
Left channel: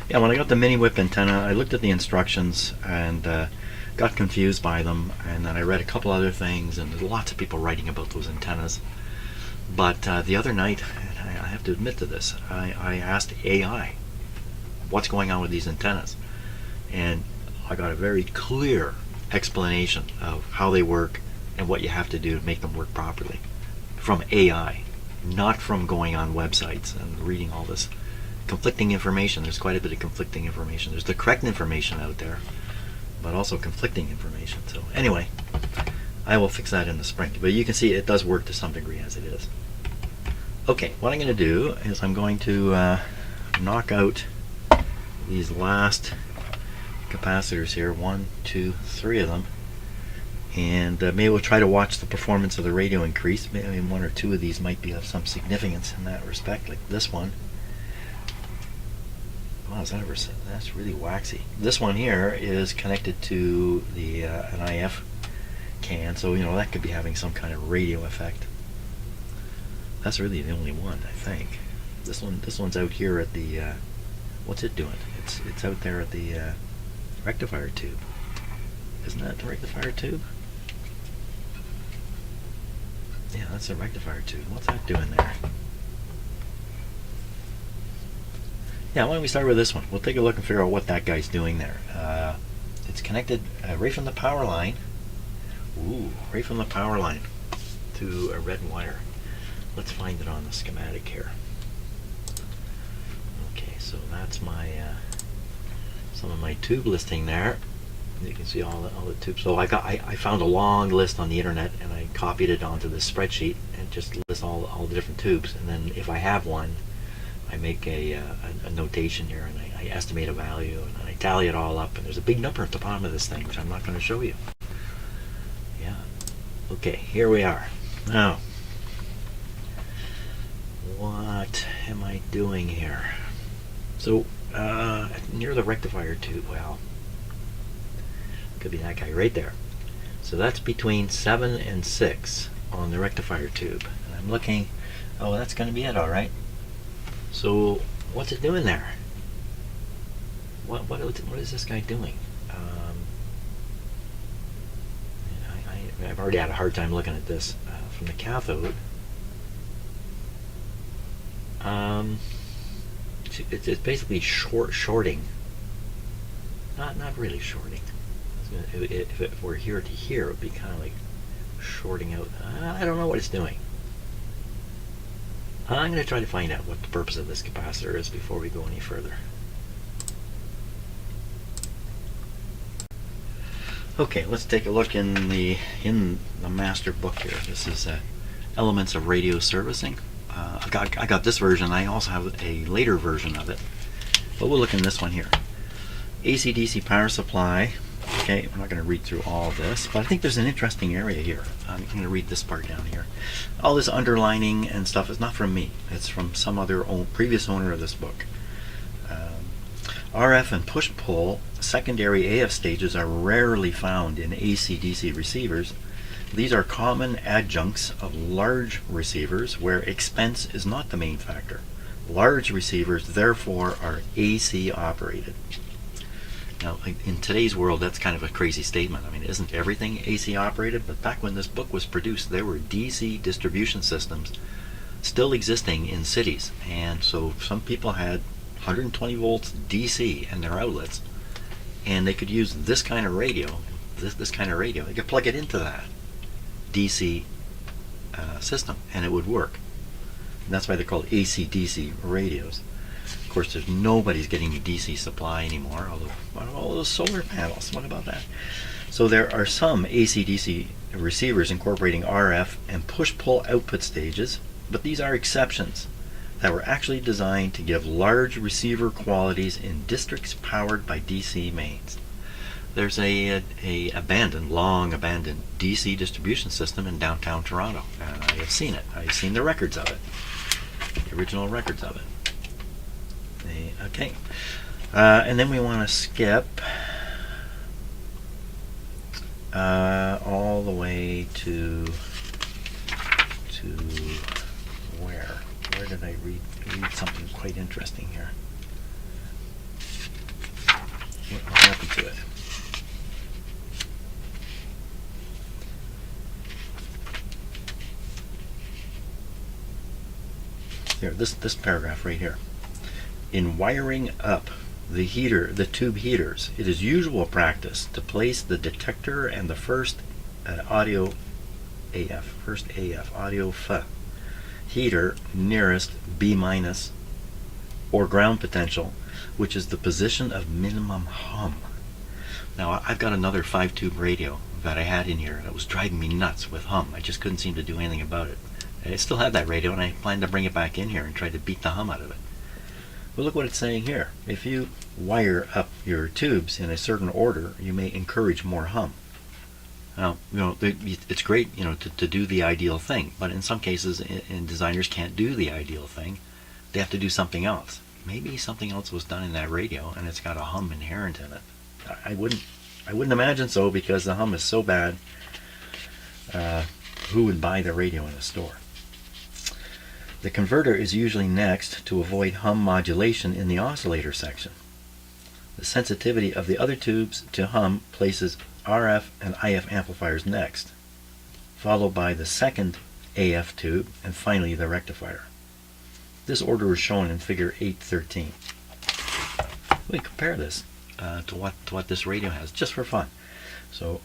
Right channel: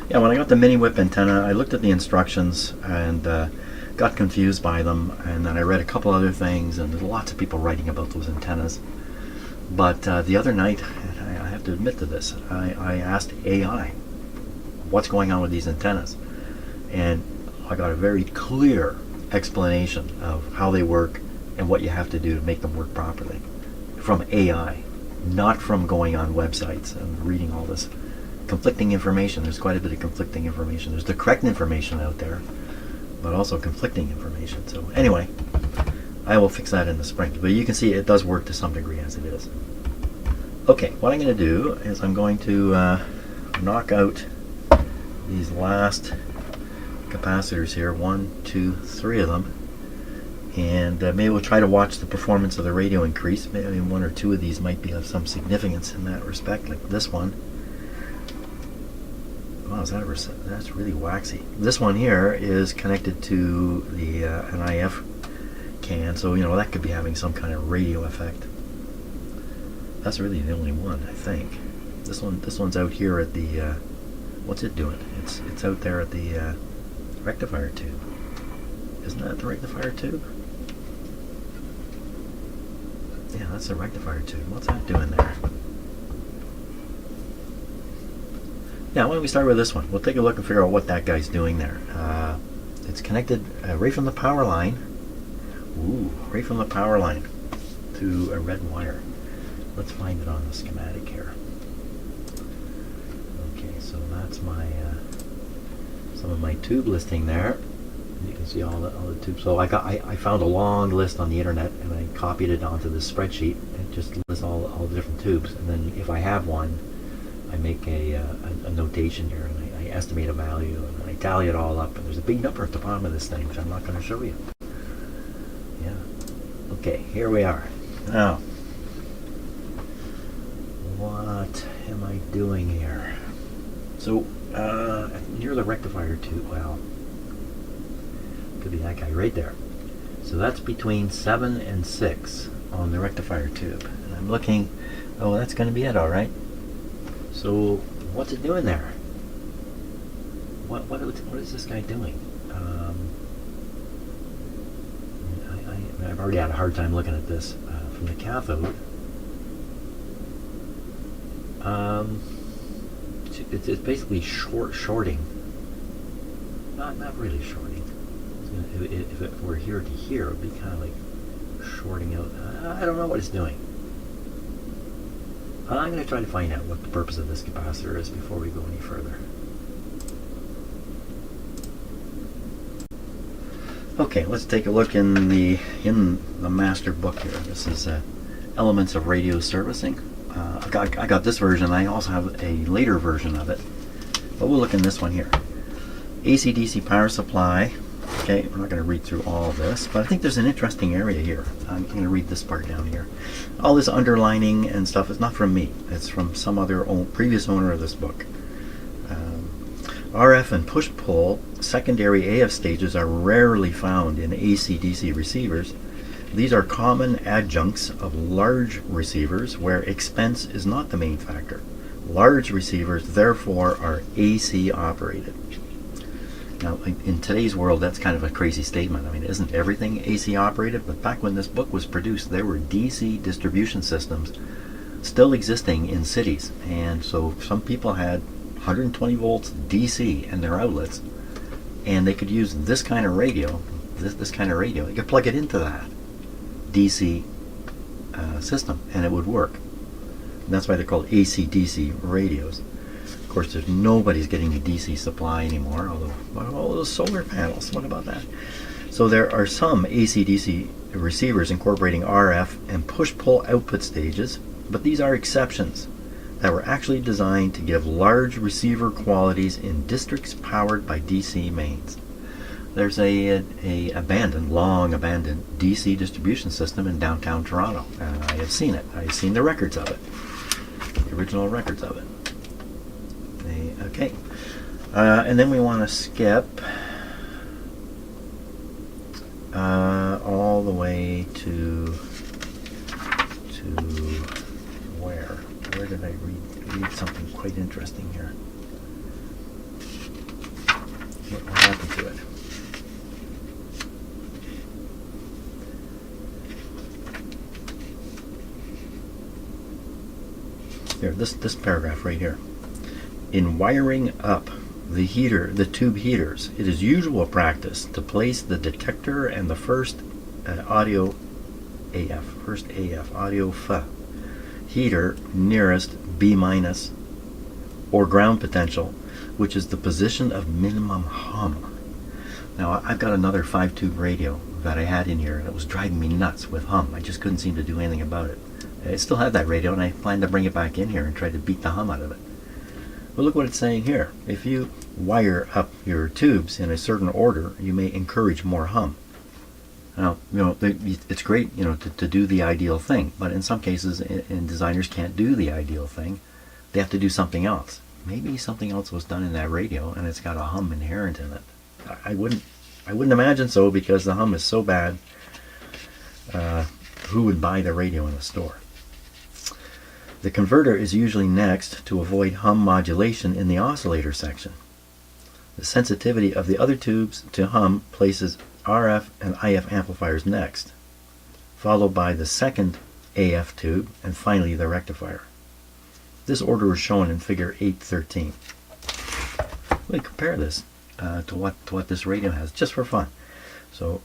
Yeah, when I got the mini whip antenna, I looked at the instructions and got confused by them, and then I read a couple other things, and there's lots of people writing about those antennas. But the other night, and I have to admit to this, I asked AI what's going on with these antennas, and I got a very clear explanation of how they work, and what you have to do to make them work properly from AI, not from going on websites and reading all this conflicting information. There's quite a bit of conflicting information. There's the correct information out there, but also conflicting information. So anyway, I will fix that in the spring. But you can see it does work to some degree as it is. Okay, what I'm going to do is I'm going to knock out these last capacitors here, 1, 2, 3 of them, and maybe we'll try to watch the performance of the radio increase. Maybe 1 or 2 of these might be of some significance in that respect, like this one. Wow, that's really waxy. This one here is connected to the an IF can, so you know that could be having some kind of radio effect. That's really the only one, I think. This one's out here at the what's it doing? It's out there at the rectifier tube. Isn't that the rectifier tube? Yeah, that's the rectifier tube. What's that doing there? Yeah, why don't we start with this one? We'll take a look and figure out what that guy's doing there. It's connected right from the power line. Ooh, right from the power line to a red wire. Let's find it on the schematic here. Okay, so that's my some of my tube listing there. You can see all the tubes. So I found a long list on the internet and I copied it onto the spreadsheet and just list all the different tubes. And then if I have one, I make a notation here and I estimate a value and I tally it all up. And there's a big number at the bottom of this thing, which I'm not going to show you. Yeah. Okay, here we are. Now, what am I doing here? So near the rectifier tube, well, could be that guy right there. So that's between 7 and 6 on the rectifier tube. And I'm looking, oh, that's going to be it, all right. So what's it doing there? What is this guy doing? I've already had a hard time looking at this from the cathode. It's basically shorting. Not really shorting. If it were here to here, it would be kind of like shorting out. I don't know what it's doing. I'm going to try to find out what the purpose of this capacitor is before we go any further. Okay, let's take a look in the master book here. This is Elements of Radio Servicing. I got this version. I also have a later version of it, but we'll look in this one here. AC/DC power supply. Okay, we're not going to read through all of this, but I think there's an interesting area here. I'm going to read this part down here. All this underlining and stuff is not from me. It's from some other previous owner of this book. RF and push-pull secondary AF stages are rarely found in AC/DC receivers. These are common adjuncts of large receivers where expense is not the main factor. Large receivers, therefore, are AC operated. Now, in today's world, that's kind of a crazy statement. I mean, isn't everything AC operated? But back when this book was produced, there were DC distribution systems still existing in cities. And so some people had 120 volts DC in their outlets, and they could use this kind of radio, this kind of radio. They could plug it into that DC system, and it would work. And that's why they're called AC/DC radios. Of course, nobody's getting a DC supply anymore, although, what about all those solar panels? What about that? So there are some AC/DC receivers incorporating RF and push-pull output stages, but these are exceptions that were actually designed to give large receiver qualities in districts powered by DC mains. There's a long abandoned DC distribution system in downtown Toronto, and I have seen it. I've seen the records of it, the original records of it. Okay, and then we want to skip all the way to where? Where did I read something quite interesting here? What happened to it? Here, this paragraph right here. In wiring up the tube heaters, it is usual practice to place the detector and the first audio AF. First AF, audio F. Heater nearest B minus or ground potential, which is the position of minimum hum. Now, I've got another 5-tube radio that I had in here that was driving me nuts with hum. I just couldn't seem to do anything about it. I still have that radio, and I plan to bring it back in here and try to beat the hum out of it. But look what it's saying here. If you wire up your tubes in a certain order, you may encourage more hum. Now, it's great, to do the ideal thing, but in some cases, designers can't do the ideal thing. They have to do something else. Maybe something else was done in that radio, and it's got a hum inherent in it. I wouldn't imagine so, because the hum is so bad. Who would buy the radio in a store? The converter is usually next to avoid hum modulation in the oscillator section. The sensitivity of the other tubes to hum places RF and IF amplifiers next, followed by the second AF tube, and finally the rectifier. This order is shown in figure 8.13. We compare this to what this radio has, just for fun. So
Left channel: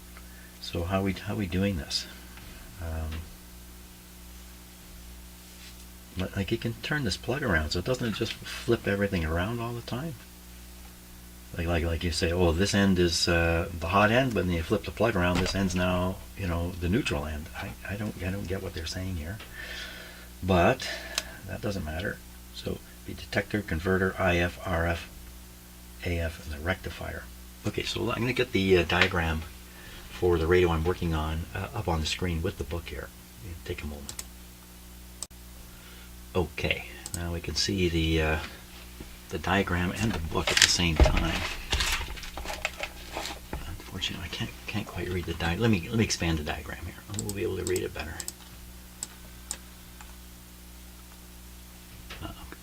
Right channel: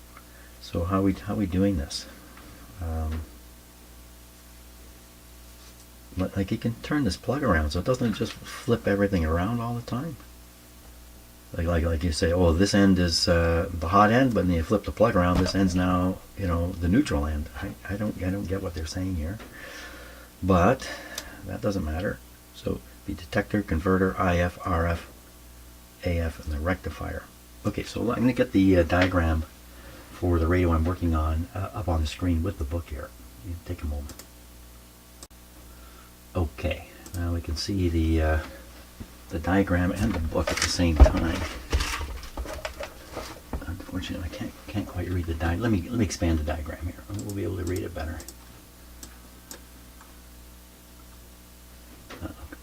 how we doing this? Like, you can turn this plug around, so doesn't it just flip everything around all the time? Like you say, oh, this end is the hot end, but then you flip the plug around, this end's now the neutral end. I don't get what they're saying here, but that doesn't matter. So the detector, converter, IF, RF, AF, and the rectifier. Okay, so I'm going to get the diagram for the radio I'm working on up on the screen with the book here. Take a moment. Okay, now we can see the diagram and the book at the same time. Unfortunately, I can't quite read the diagram. Let me expand the diagram here. We'll be able to read it better.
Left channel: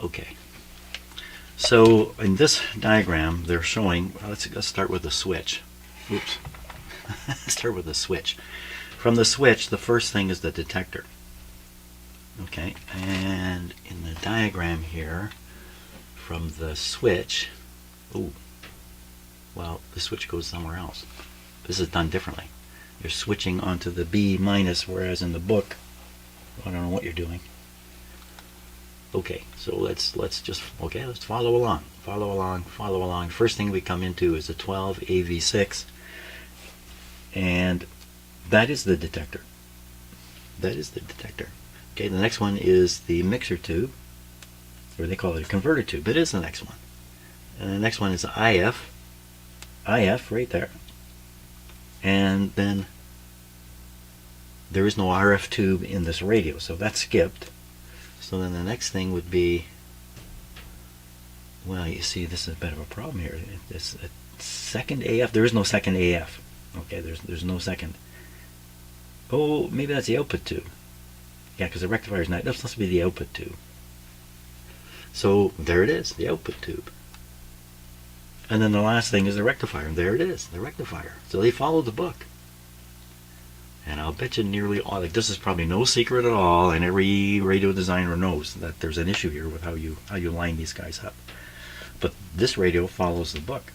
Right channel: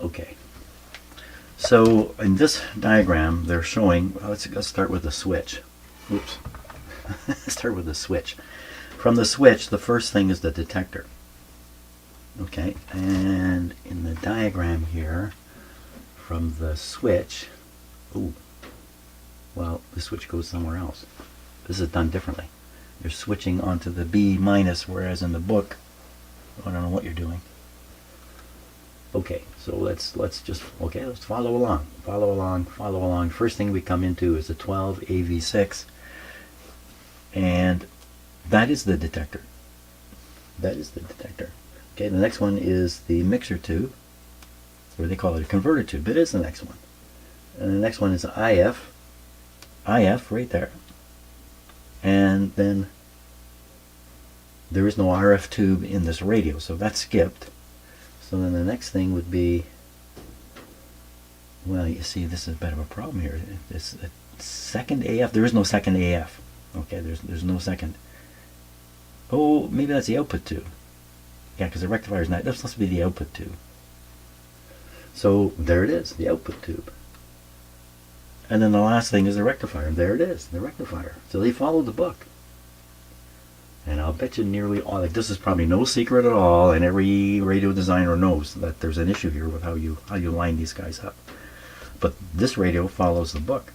Okay. So in this diagram, they're showing. Well, let's start with the switch. Oops. Start with the switch. From the switch, the first thing is the detector. Okay, and in the diagram here, from the switch, the switch goes somewhere else. This is done differently. You're switching onto the B minus, whereas in the book, I don't know what you're doing. Okay, so let's follow along. First thing we come into is a 12 AV6, and that is the detector. Okay, the next one is the mixer tube, or they call it a converter tube. It is the next one. And the next one is IF right there. And then there is no RF tube in this radio, so that's skipped. So then the next thing would be, well, you see, this is a bit of a problem here. It's a second AF. There is no second AF. Okay, there's no second. Oh, maybe that's the output tube. Yeah, because the rectifier is not. That's supposed to be the output tube. So there it is, the output tube. And then the last thing is the rectifier. And there it is, the rectifier. So they follow the book. And I'll bet you nearly all, like, this is probably no secret at all, and every radio designer knows that there's an issue here with how you line these guys up. But this radio follows the book.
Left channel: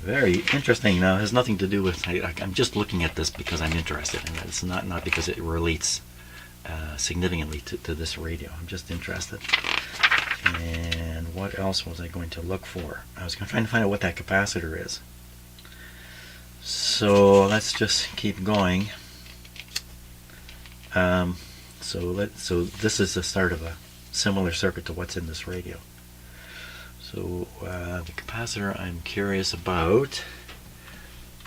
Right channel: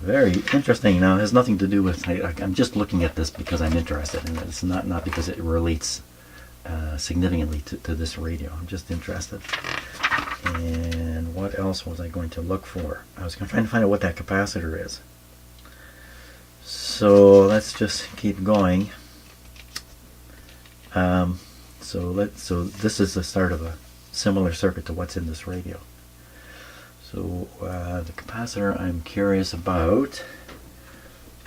Very interesting. Now, it has nothing to do with, I'm just looking at this because I'm interested in it. It's not because it relates significantly to this radio. I'm just interested. And what else was I going to look for? I was trying to find out what that capacitor is. So let's just keep going. So this is the start of a similar circuit to what's in this radio. So the capacitor I'm curious about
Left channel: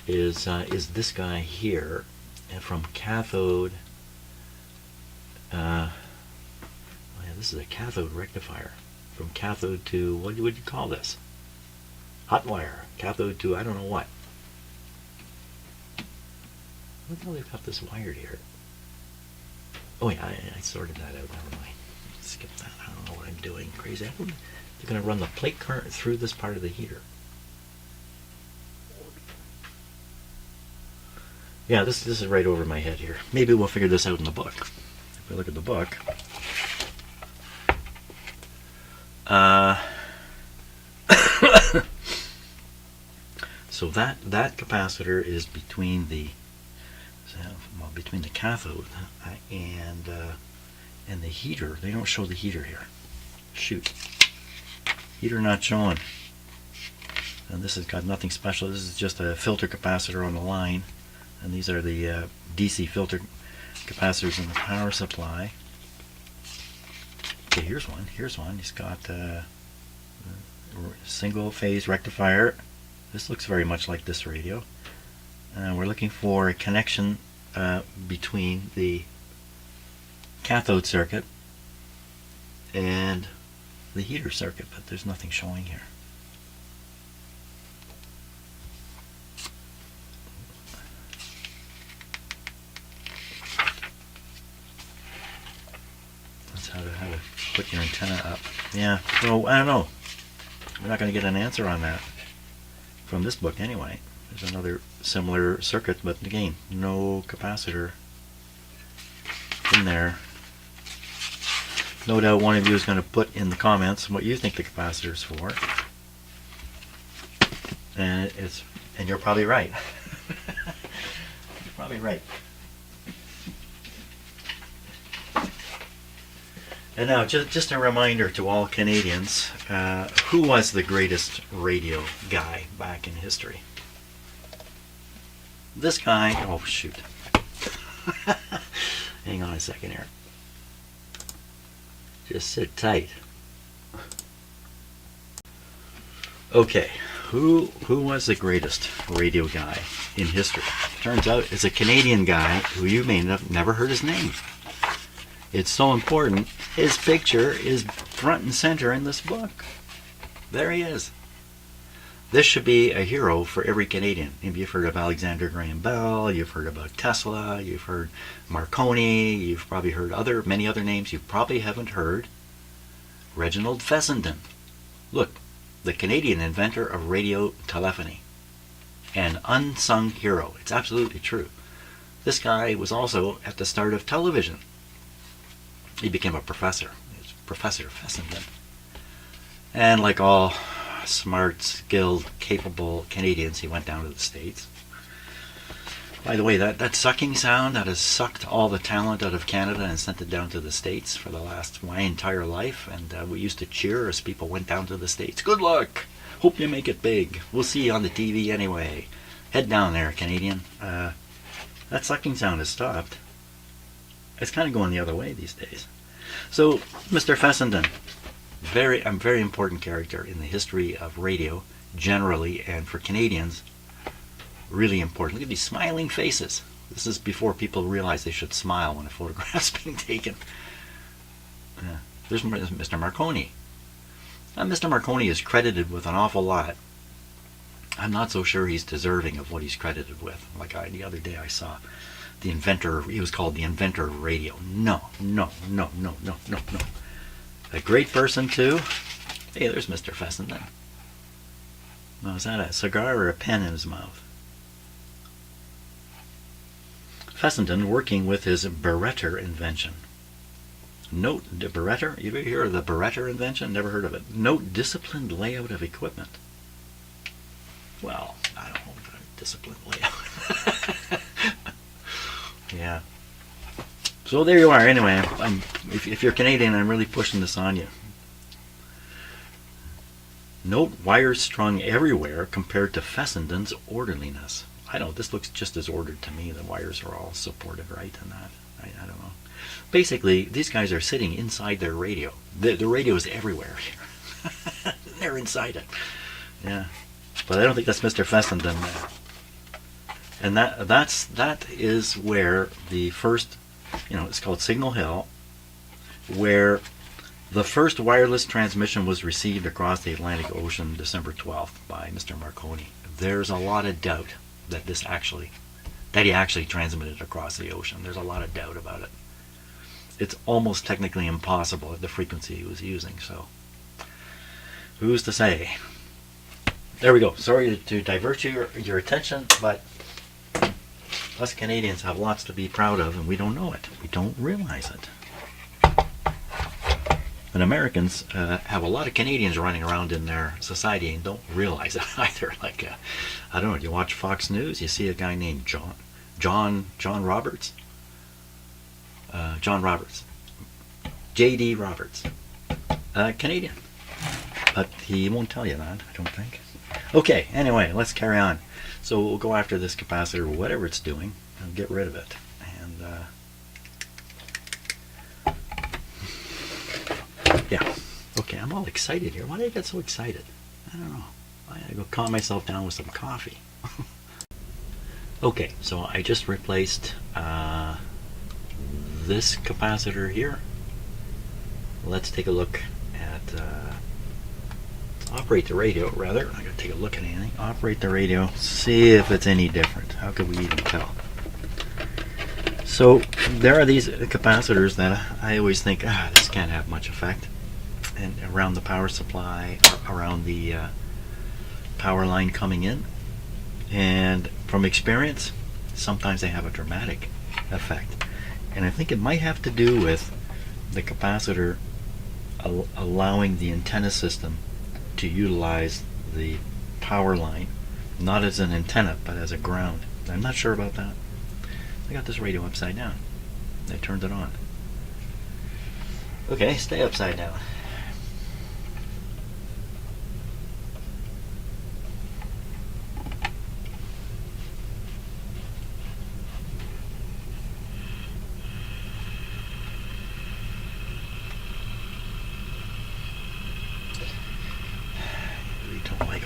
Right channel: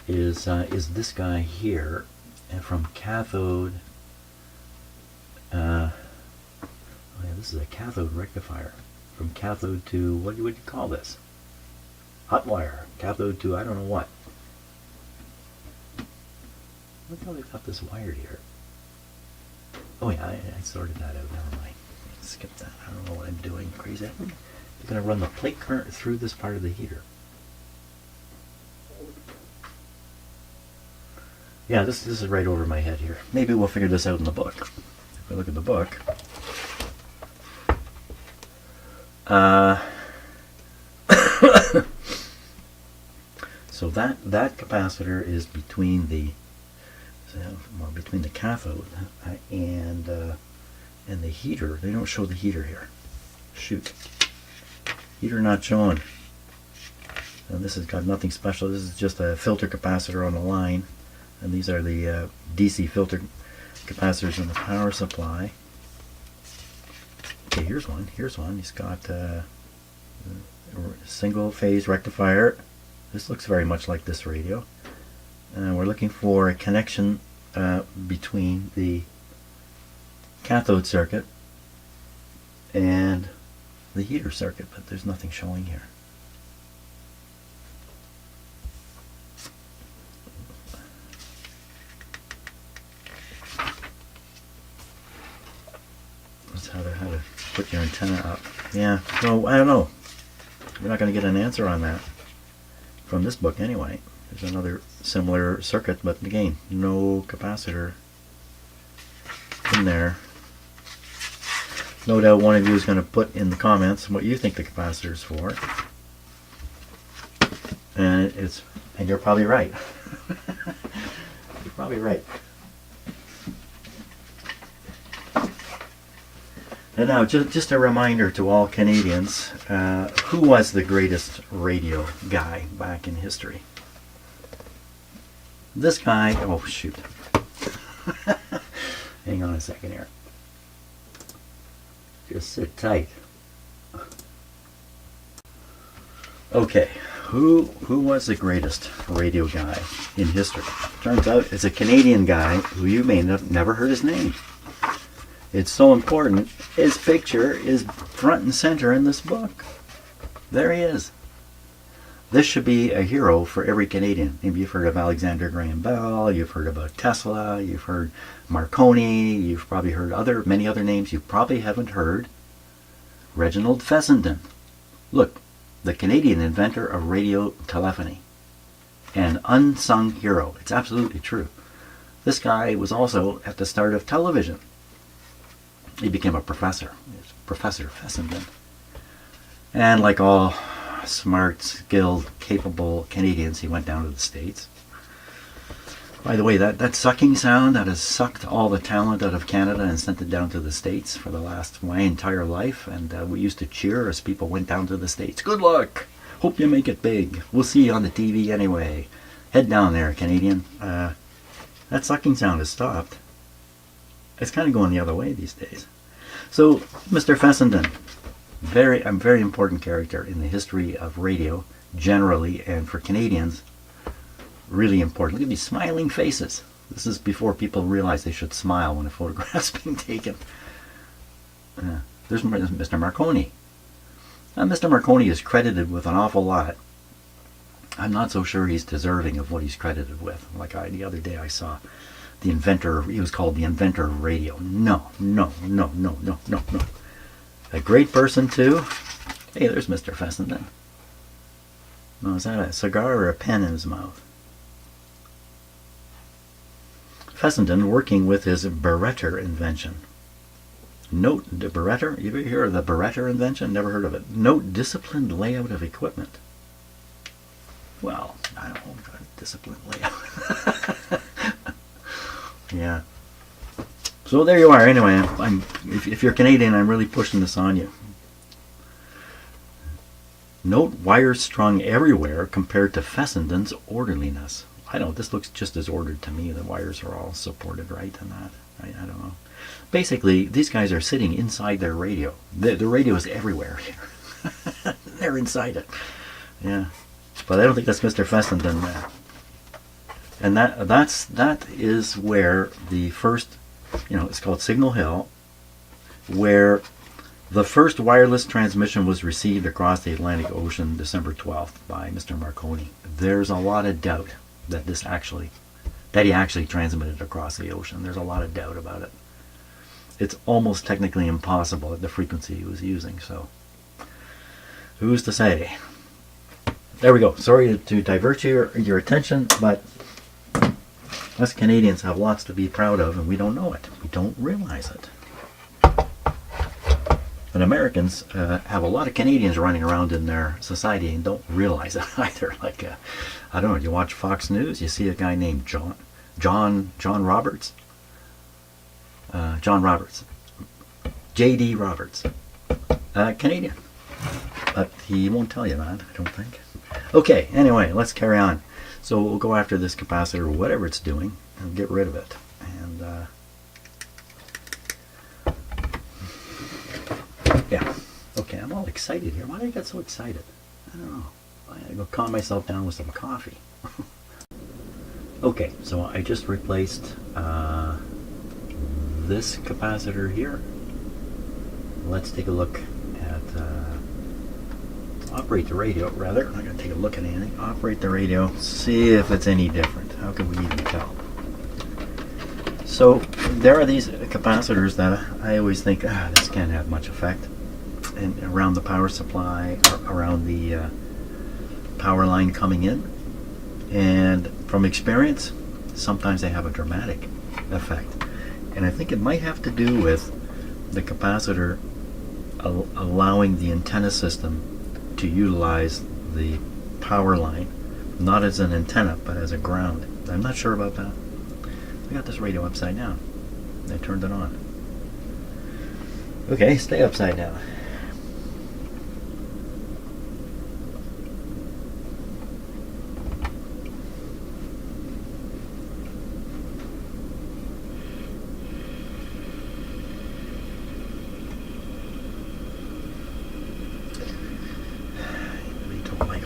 is this guy here, and from cathode. This is a cathode rectifier. From cathode to, what would you call this? Hot wire. Cathode to I don't know what. Look how they've got this wired here. Oh yeah, I sorted that out. Never mind. Skip that. I don't know what I'm doing. Crazy. They're going to run the plate current through this part of the heater. Yeah, this is right over my head here. Maybe we'll figure this out in the book. If we look at the book. So that capacitor is between the So, well, between the cathode and the heater, they don't show the heater here. Shoot. Heater not shown. And this has got nothing special. This is just a filter capacitor on the line. And these are the DC filter capacitors in the power supply. Okay, here's one. Here's one. He's got a single phase rectifier. This looks very much like this radio. And we're looking for a connection between the cathode circuit and the heater circuit, but there's nothing showing here. That's how to put your antenna up. Yeah, so I don't know. We're not going to get an answer on that from this book anyway. There's another similar circuit, but again, no capacitor in there. No doubt one of you is going to put in the comments what you think the capacitor is for. And you're probably right. You're probably right. And now, just a reminder to all Canadians, who was the greatest radio guy back in history? This guy, oh shoot. Hang on a second here. Just sit tight. Okay, who was the greatest radio guy in history? Turns out it's a Canadian guy who you may have never heard his name. It's so important. His picture is front and center in this book. There he is. This should be a hero for every Canadian. Maybe you've heard of Alexander Graham Bell, you've heard about Tesla, you've heard Marconi, you've probably heard many other names. You probably haven't heard Reginald Fessenden. Look, the Canadian inventor of radio telephony. An unsung hero. It's absolutely true. This guy was also at the start of television. He became a professor. He was Professor Fessenden. And like all smart, skilled, capable Canadians, he went down to the States. By the way, that sucking sound, that has sucked all the talent out of Canada and sent it down to the States for my entire life. And we used to cheer as people went down to the States. Good luck! Hope you make it big. We'll see you on the TV anyway. Head down there, Canadian. That sucking sound has stopped. It's kind of going the other way these days. So, Mr. Fessenden, a very important character in the history of radio, generally, and for Canadians, really important. Look at these smiling faces. This is before people realize they should smile when a photograph's being taken. There's Mr. Marconi. Mr. Marconi is credited with an awful lot. I'm not so sure he's deserving of what he's credited with. Like the other day I saw the inventor, he was called the inventor of radio. No. A great person too. Hey, there's Mr. Fessenden. Oh, is that a cigar or a pen in his mouth? Fessenden working with his Barretter invention. Note the Barretter. You ever hear of the Barretter invention? Never heard of it. Note disciplined layout of equipment. Well, I don't know if I'm disciplined layout. Yeah. So there you are. Anyway, if you're Canadian, I'm really pushing this on you. Note wires strung everywhere compared to Fessenden's orderliness. I don't. This looks just as ordered to me. The wires are all supported right and that. I don't know. Basically, these guys are sitting inside their radio. The radio is everywhere here. They're inside it. Yeah. But I don't think that's Mr. Fessenden. And that is where the first, it's called Signal Hill, where the first wireless transmission was received across the Atlantic Ocean December 12th by Mr. Marconi. There's a lot of doubt that he actually transmitted across the ocean. There's a lot of doubt about it. It's almost technically impossible at the frequency he was using, so who's to say? There we go. Sorry to divert your attention, but us Canadians have lots to be proud of, and we don't know it. We don't realize it. And Americans have a lot of Canadians running around in their society and don't realize it either. Like, I don't know, you watch Fox News, you see a guy named John Roberts. John Roberts. J.D. Roberts. Canadian. But he won't tell you that, I don't think. Okay, anyway, let's carry on. So we'll go after this capacitor, whatever it's doing, and get rid of it. And yeah, okay, I'm all excited here. Why did I get so excited? I don't know. I gotta go calm myself down with some coffee. Okay, so I just replaced this capacitor here. Let's take a look at operate the radio, rather. I'm going to take a look at anything. Operate the radio, see if it's any different. How could we even tell? So there are these capacitors that I always think, this can't have much effect. And around the power supply, around the power line coming in. And from experience, sometimes they have a dramatic effect. And I think it might have to do with the capacitor allowing the antenna system to utilize the power line, not as an antenna, but as a ground. I'm not sure about that. I got this radio upside down. I turned it on. Okay, stay upside down.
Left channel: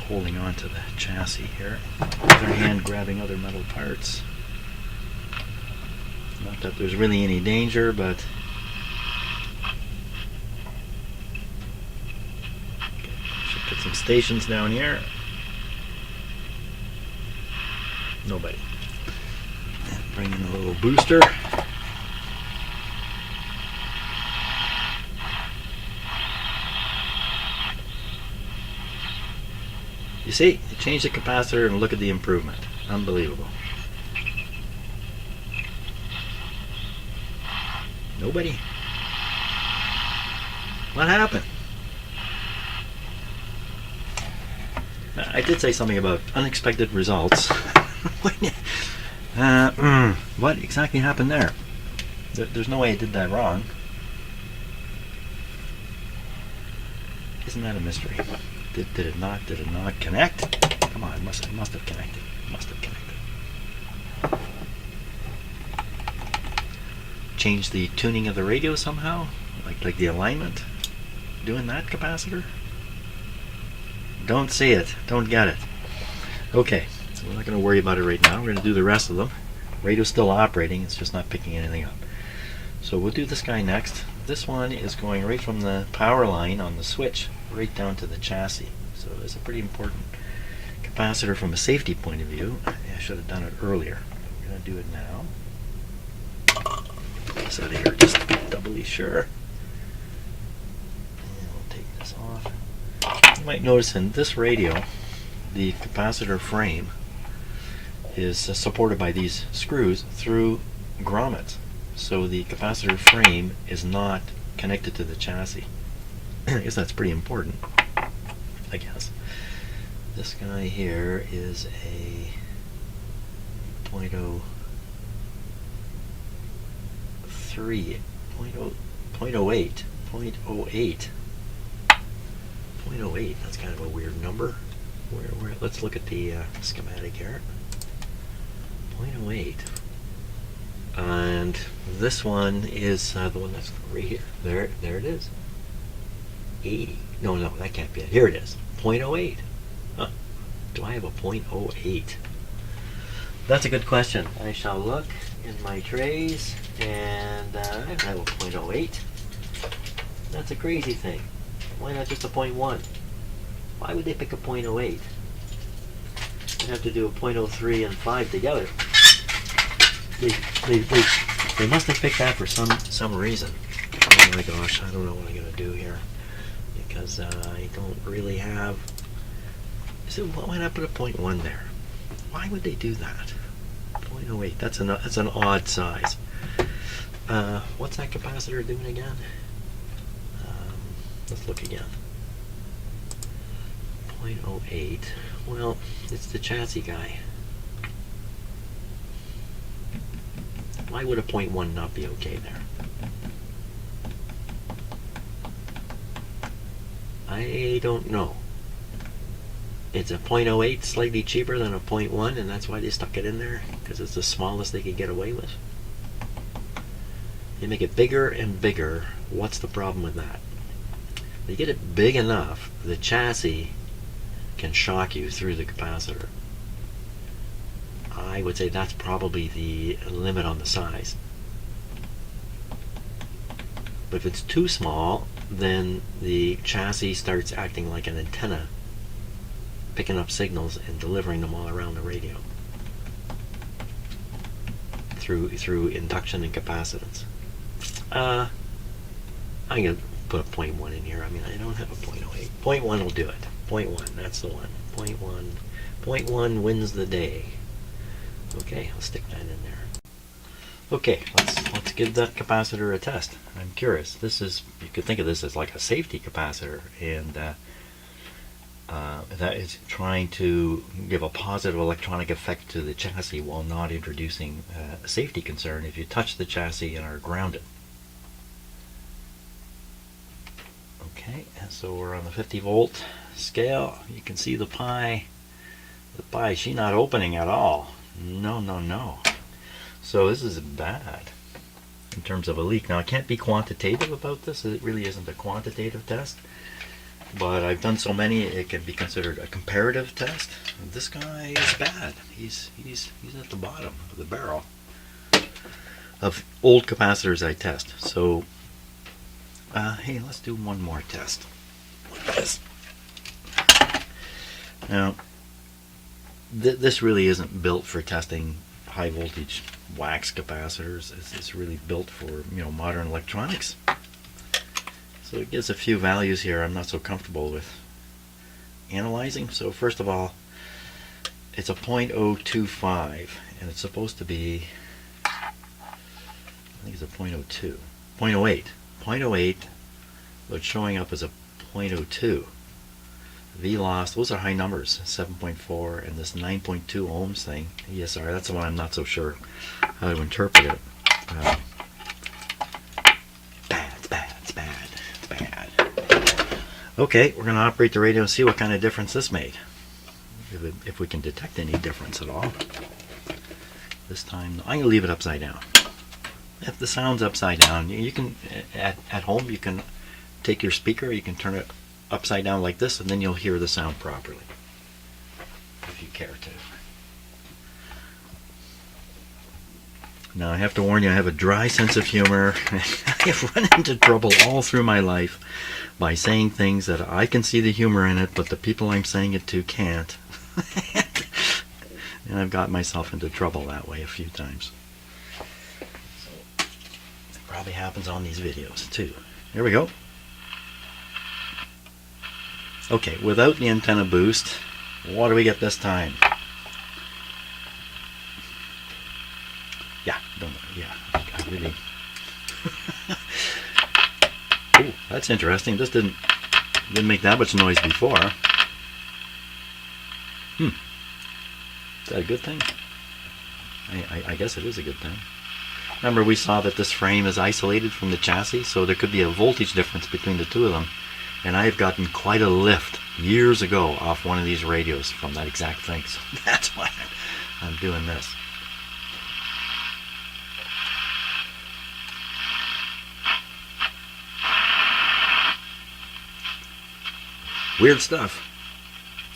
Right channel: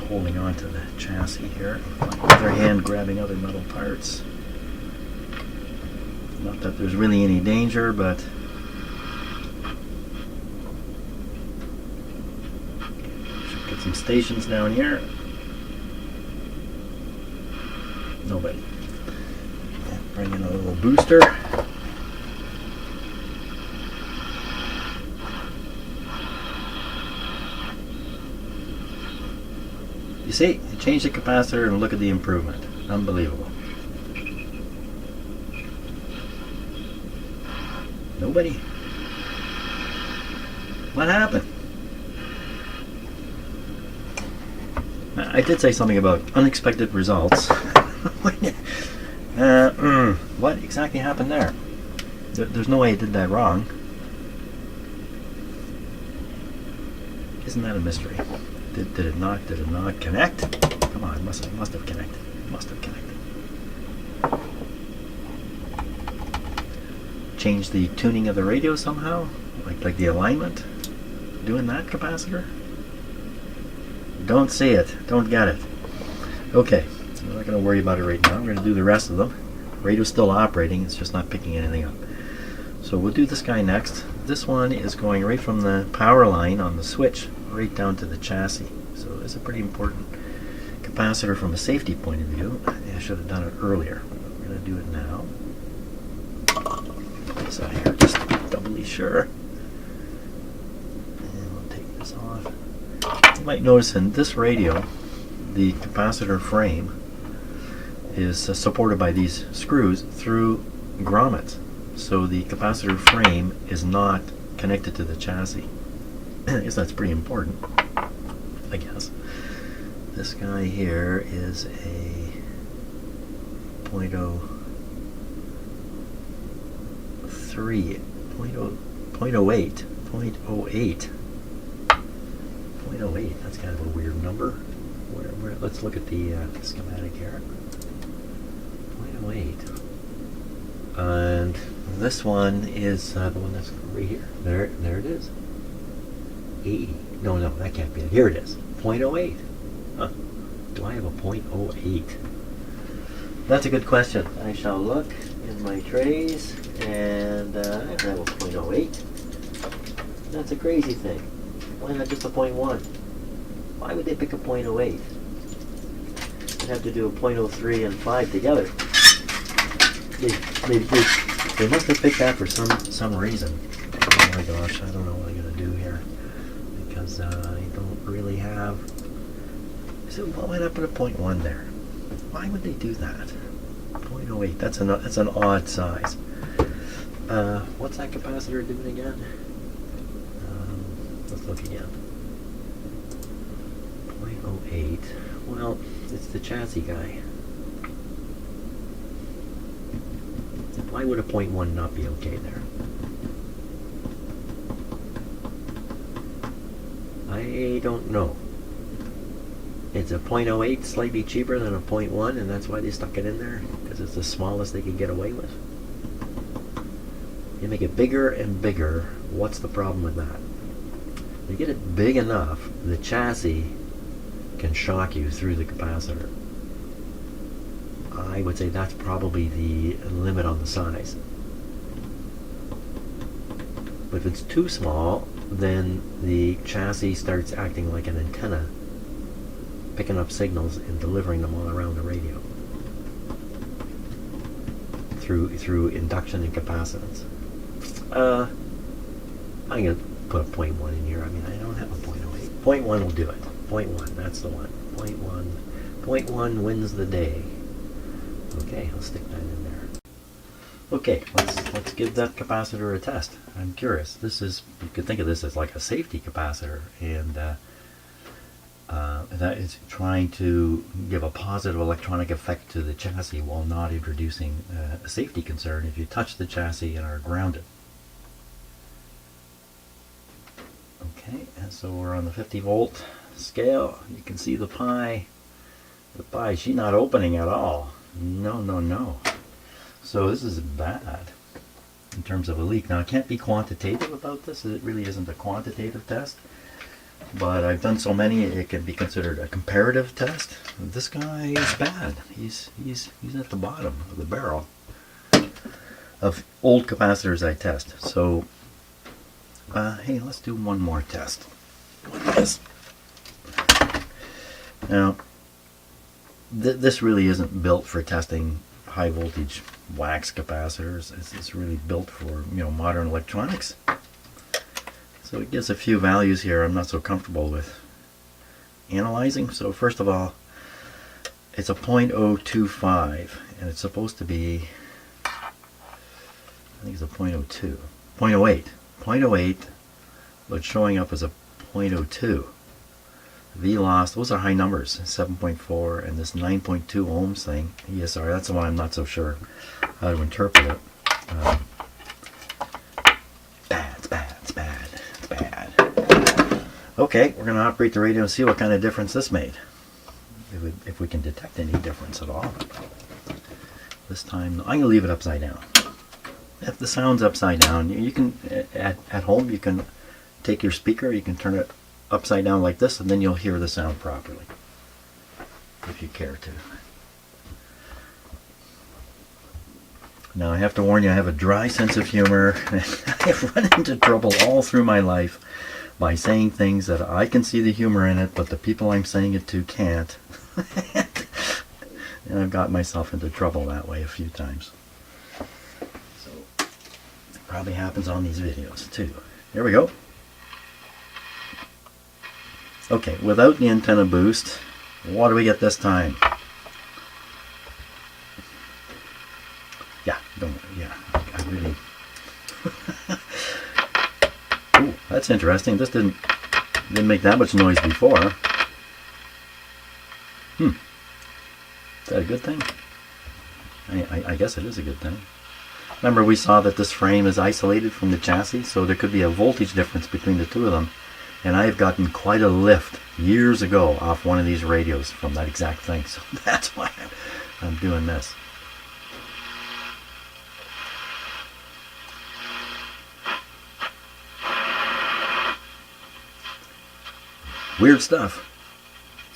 Holding on to the chassis here, with my other hand grabbing other metal parts. Not that there's really any danger, but should put some stations down here. Nobody. And bring in a little booster. You see, you change the capacitor and look at the improvement. Unbelievable. Nobody? What happened? I did say something about unexpected results. What exactly happened there? There's no way I did that wrong. Isn't that a mystery? Did it not connect? Come on, it must have connected. Must have connected. Change the tuning of the radio somehow? Like the alignment? Doing that, capacitor? Don't see it. Don't get it. Okay, so we're not going to worry about it right now. We're going to do the rest of them. Radio's still operating, it's just not picking anything up. So we'll do this guy next. This one is going right from the power line on the switch right down to the chassis. So it's a pretty important capacitor from a safety point of view. I should have done it earlier. We're going to do it now. Get this out of here just to be doubly sure. And we'll take this off. You might notice in this radio, the capacitor frame is supported by these screws through grommets. So the capacitor frame is not connected to the chassis. I guess that's pretty important, I guess. This guy here is a 0.03, 0.08, 0.08, that's kind of a weird number. Let's look at the schematic here. 0.08. And this one is the one that's right here. There it is. 80. No, that can't be it. Here it is. 0.08. Huh. Do I have a 0.08? That's a good question. I shall look in my trays, and I have a 0.08. That's a crazy thing. Why not just a 0.1? Why would they pick a 0.08? You'd have to do a 0.03 and 5 together. They must have picked that for some reason. Oh my gosh, I don't know what I'm going to do here. Because I don't really have... So why not put a 0.1 there? Why would they do that? 0.08, that's an odd size. What's that capacitor doing again? Let's look again. 0.08. Well, it's the chassis guy. Why would a 0.1 not be okay there? I don't know. It's a 0.08, slightly cheaper than a 0.1, and that's why they stuck it in there, because it's the smallest they could get away with. They make it bigger and bigger. What's the problem with that? They get it big enough, the chassis can shock you through the capacitor. I would say that's probably the limit on the size. But if it's too small, then the chassis starts acting like an antenna, picking up signals and delivering them all around the radio through induction and capacitance. I'm going to put a 0.1 in here. I mean, I don't have a 0.08. 0.1 will do it. 0.1, that's the one. 0.1. 0.1 wins the day. Okay, I'll stick that in there. Okay, let's give that capacitor a test. I'm curious. This is, you could think of this as like a safety capacitor, and that is trying to give a positive electronic effect to the chassis while not introducing a safety concern if you touch the chassis and are grounded. Okay, and so we're on the 50 volt scale. You can see the pi. The pi, she's not opening at all. No, no, no. So this is bad in terms of a leak. Now I can't be quantitative about this. It really isn't a quantitative test. But I've done so many, it can be considered a comparative test. This guy is bad. He's at the bottom of the barrel of old capacitors I test. So, hey, let's do one more test. Yes. Now, this really isn't built for testing high voltage wax capacitors. It's really built for, you know, modern electronics. So it gives a few values here I'm not so comfortable with analyzing. So first of all, it's a 0.025, and it's supposed to be, I think it's a 0.02, 0.08, 0.08, but it's showing up as a 0.02. V loss, those are high numbers, 7.4, and this 9.2 ohms thing, ESR, that's the one I'm not so sure how to interpret it. It's bad. Okay, we're going to operate the radio and see what kind of difference this made. If we can detect any difference at all. This time, I'm going to leave it upside down. If the sound's upside down, you can, at home, you can take your speaker, you can turn it upside down like this, and then you'll hear the sound properly, if you care to. Now, I have to warn you, I have a dry sense of humor. I have run into trouble all through my life by saying things that I can see the humor in it, but the people I'm saying it to can't. And I've got myself into trouble that way a few times. So, it probably happens on these videos too. Here we go. Okay, without the antenna boost, what do we get this time? Yeah, I really... Ooh, that's interesting. This didn't make that much noise before. Is that a good thing? I guess it is a good thing. Remember, we saw that this frame is isolated from the chassis, so there could be a voltage difference between the two of them. And I have gotten quite a lift years ago off one of these radios from that exact thing. So that's why I'm doing this. Weird stuff.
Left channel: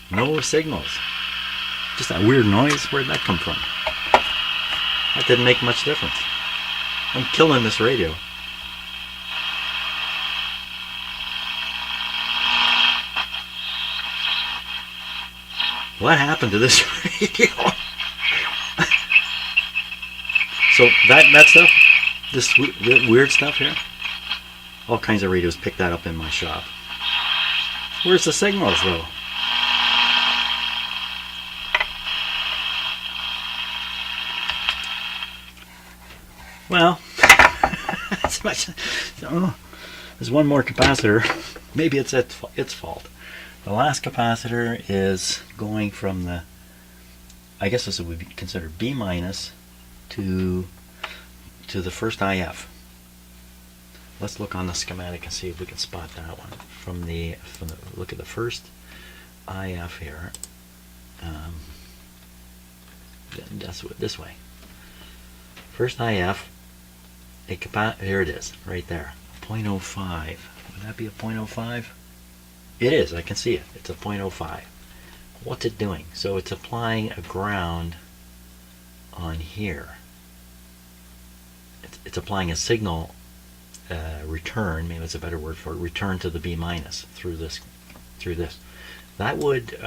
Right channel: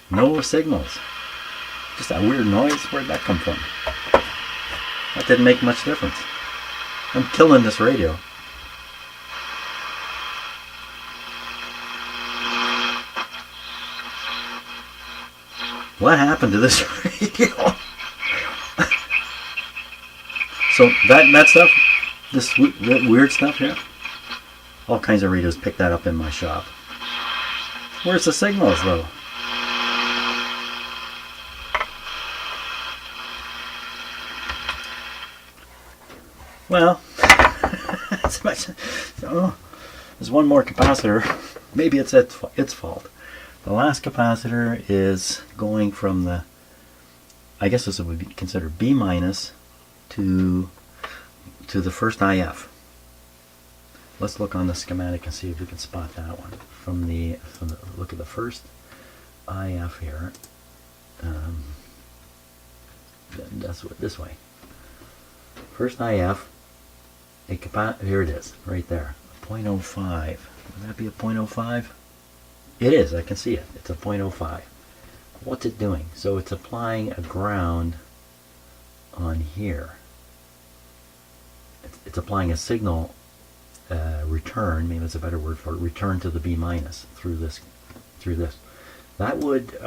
No signals. Just that weird noise. Where'd that come from? That didn't make much difference. I'm killing this radio. What happened to this radio? So that stuff, this weird stuff here, all kinds of radios pick that up in my shop. Where's the signals though? Well, there's one more capacitor. Maybe it's its fault. The last capacitor is going from the, I guess this would be considered B minus to to the first IF. Let's look on the schematic and see if we can spot that one. From the look at the first IF here. That's this way. First IF, here it is, right there. 0.05. Would that be a 0.05? It is, I can see it. It's a 0.05. What's it doing? So it's applying a ground on here. It's applying a signal return, maybe it's a better word for it, return to the B minus through this. That would,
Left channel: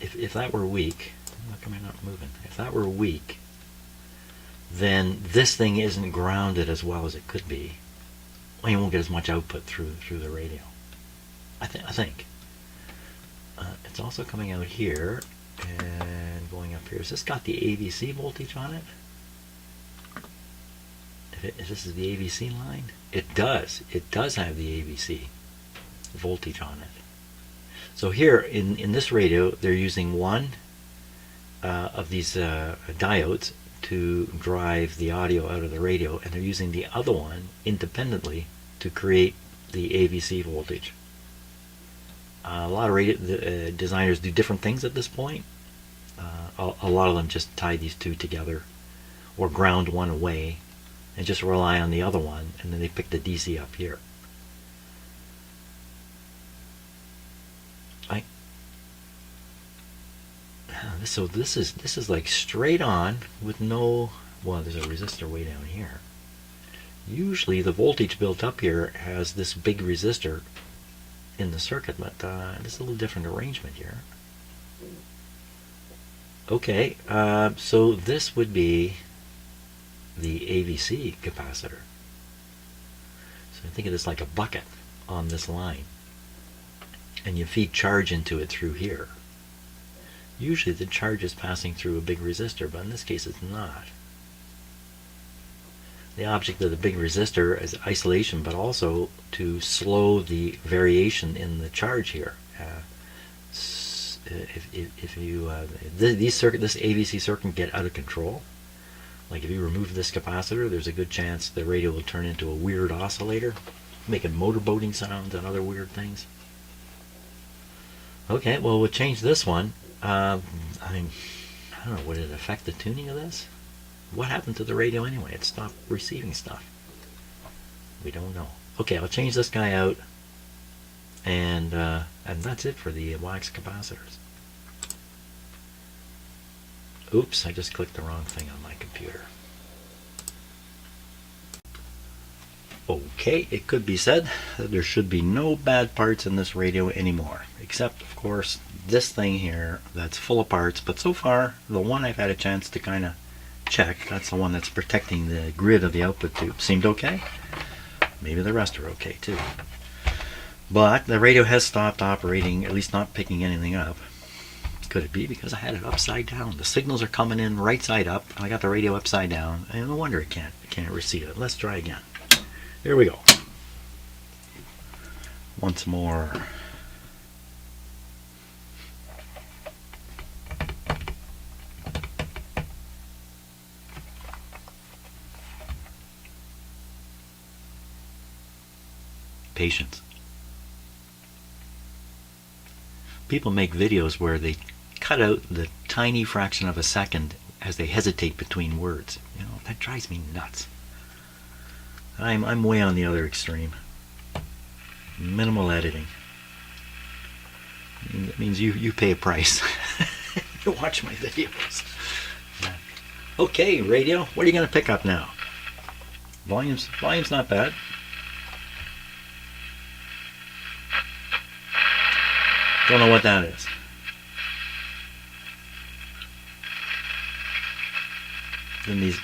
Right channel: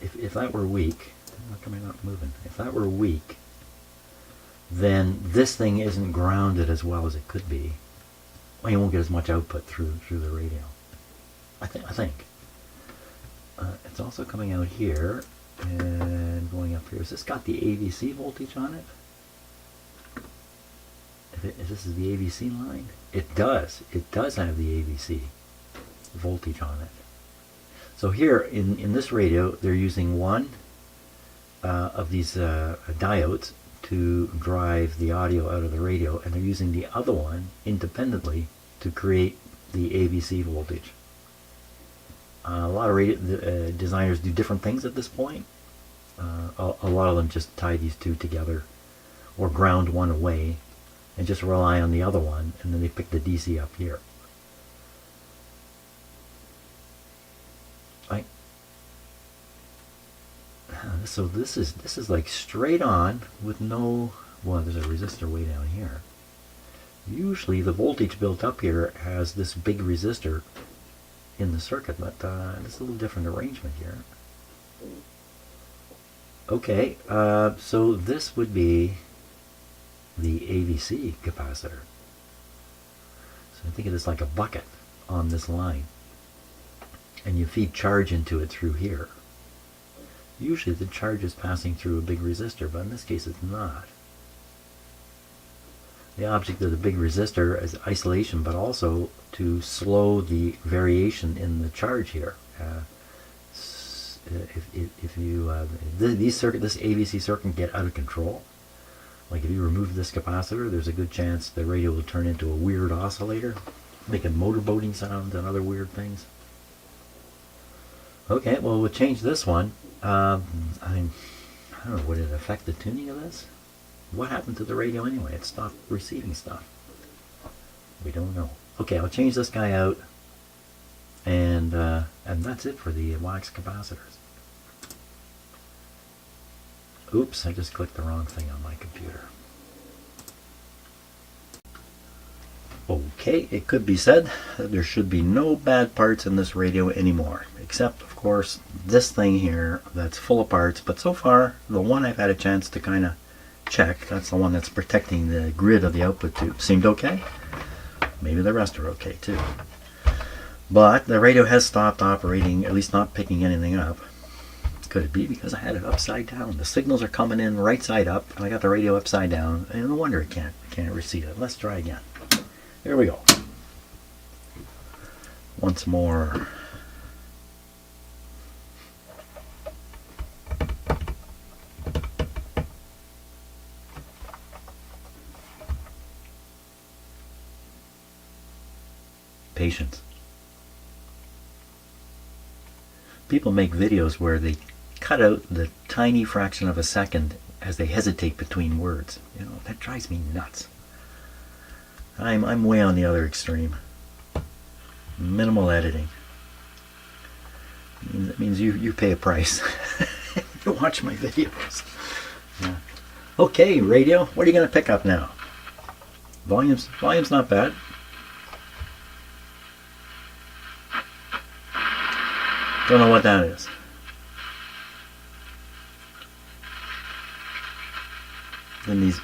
if that were weak, how come I not moving? If that were weak, then this thing isn't grounded as well as it could be. Well, you won't get as much output through the radio. I think. It's also coming out here and going up here. Has this got the AVC voltage on it? If this is the AVC line, it does. It does have the AVC voltage on it. So here in this radio, they're using one of these diodes to drive the audio out of the radio, and they're using the other one independently to create the AVC voltage. A lot of radio designers do different things at this point. A lot of them just tie these two together or ground one away and just rely on the other one, and then they pick the DC up here. So this is like straight on with no, well, there's a resistor way down here. Usually the voltage built up here has this big resistor in the circuit, but this is a little different arrangement here. Okay, so this would be the AVC capacitor. So think of this like a bucket on this line, and you feed charge into it through here. Usually the charge is passing through a big resistor, but in this case it's not. The object of the big resistor is isolation, but also to slow the variation in the charge here. If you this AVC circuit can get out of control, like if you remove this capacitor, there's a good chance the radio will turn into a weird oscillator, making motorboating sounds and other weird things. Okay, well, we'll change this one. I don't know, would it affect the tuning of this? What happened to the radio anyway? It stopped receiving stuff. We don't know. Okay, I'll change this guy out, and that's it for the wax capacitors. Oops, I just clicked the wrong thing on my computer. Okay, it could be said that there should be no bad parts in this radio anymore, except of course this thing here that's full of parts, but so far the one I've had a chance to kind of check, that's the one that's protecting the grid of the output tube, seemed okay. Maybe the rest are okay too. But the radio has stopped operating, at least not picking anything up. Could it be because I had it upside down? The signals are coming in right side up, and I got the radio upside down, and no wonder it can't receive it. Let's try again. Here we go. Once more. Patience. People make videos where they cut out the tiny fraction of a second as they hesitate between words. You know, that drives me nuts. I'm way on the other extreme. Minimal editing. That means you pay a price. You watch my videos. Yeah. Okay, radio, what are you going to pick up now? Volume's not bad. Don't know what that is. In these.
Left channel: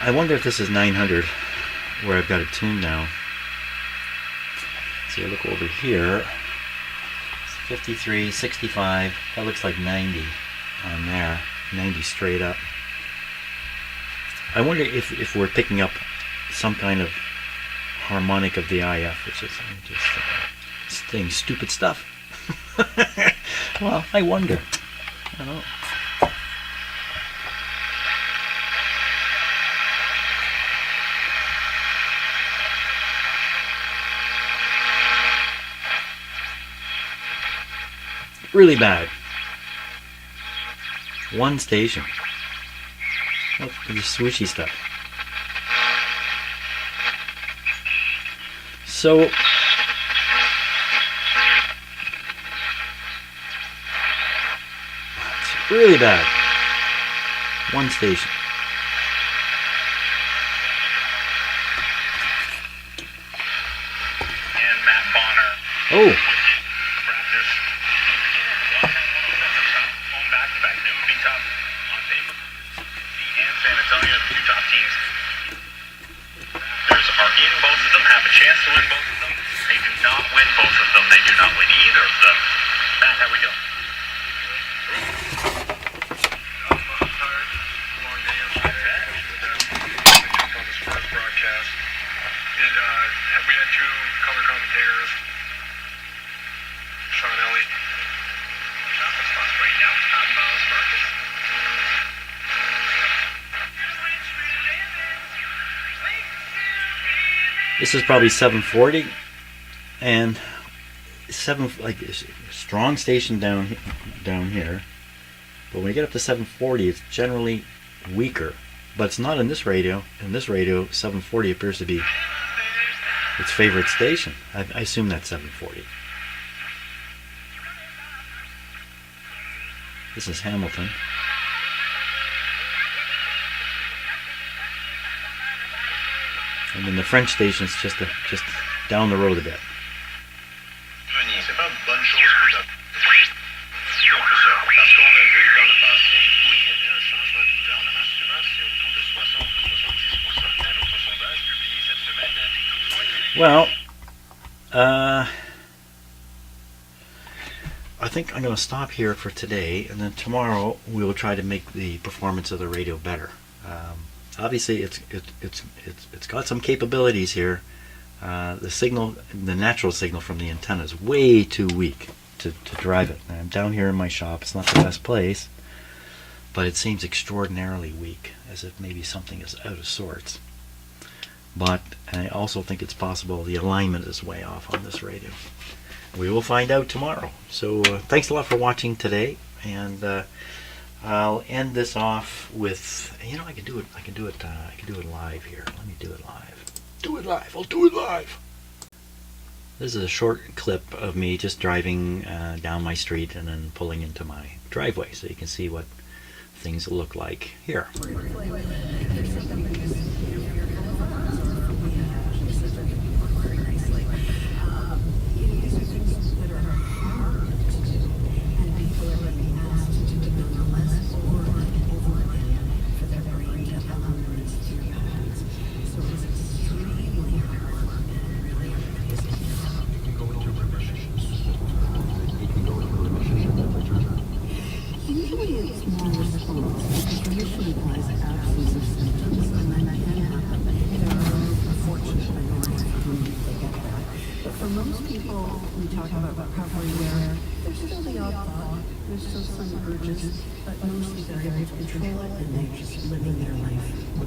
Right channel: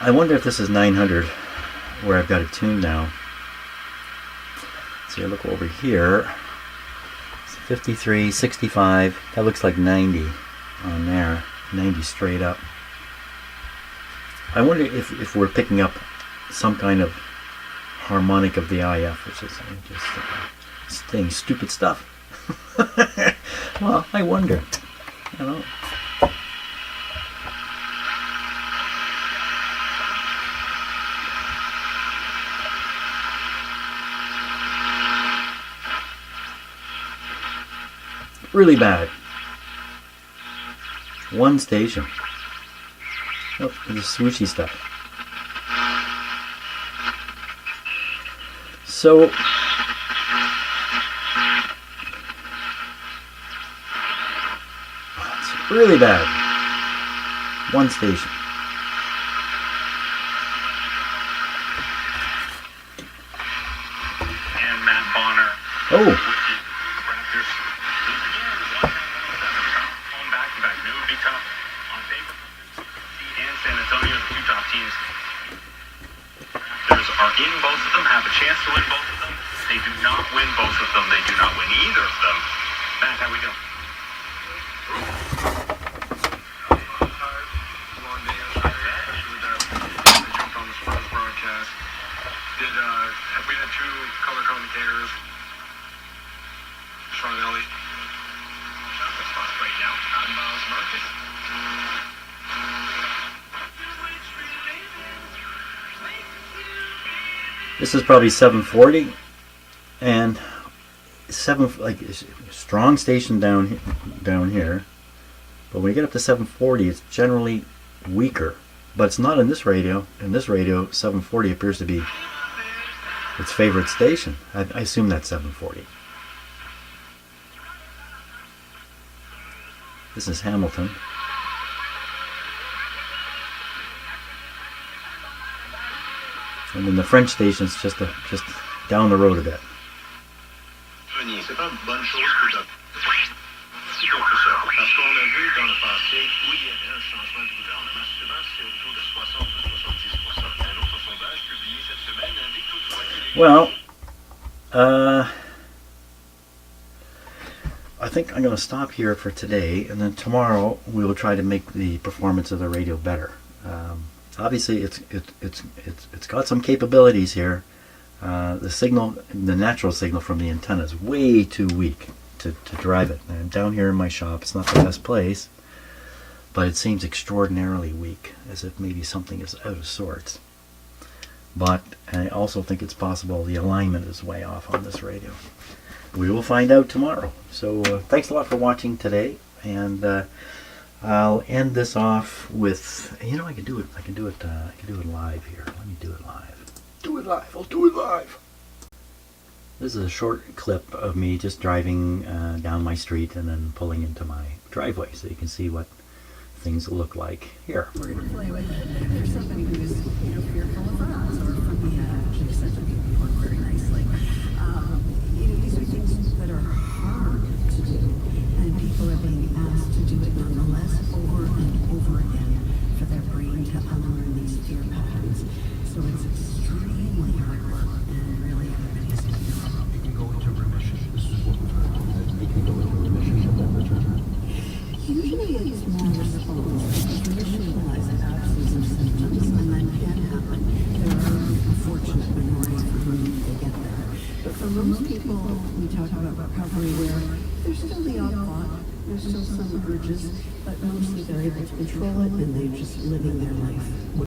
I wonder if this is 900, where I've got it tuned now. So you look over here. 53, 65, that looks like 90 on there, 90 straight up. I wonder if we're picking up some kind of harmonic of the IF, which is just saying stupid stuff. Well, I wonder. I don't know. Really bad. One station. Look at the swooshy stuff. So it's really bad. One station. And Matt Bonner. Oh. Home back-to-back. It would be tough on paper. And San Antonio, the two top teams. Raptors are in both of them, have a chance to win both of them. They do not win both of them. They do not win either of them. Matt, how we doing? Long day outside. Jumped on the sports broadcast. We had two color commentators. Sean Elliott. Shot the spot right now. On Miles Marcus. This is probably 740, and strong station down here. But when you get up to 740, it's generally weaker. But it's not in this radio. In this radio, 740 appears to be its favorite station. I assume that's 740. This is Hamilton. And then the French station's just down the road a bit. C'est pas une bonne chose pour ça. Si on fait ça, parce qu'on a vu dans le passé où il y avait un changement de gouvernement, souvent c'est autour de 60 ou 70%. Un autre sondage publié cette semaine indique toutefois que Well, I think I'm going to stop here for today, and then tomorrow we will try to make the performance of the radio better. Obviously, it's got some capabilities here. The signal, the natural signal from the antenna, is way too weak to drive it. I'm down here in my shop. It's not the best place, but it seems extraordinarily weak, as if maybe something is out of sorts. But I also think it's possible the alignment is way off on this radio. We will find out tomorrow. So thanks a lot for watching today, and I'll end this off with, I can do it live here. Let me do it live. I'll do it live. This is a short clip of me just driving down my street and then pulling into my driveway, so you can see what things look like here. For most people, we talk about recovery where there's still the odd thought, there's still some urges, but mostly they're able to control it and they're just living their life.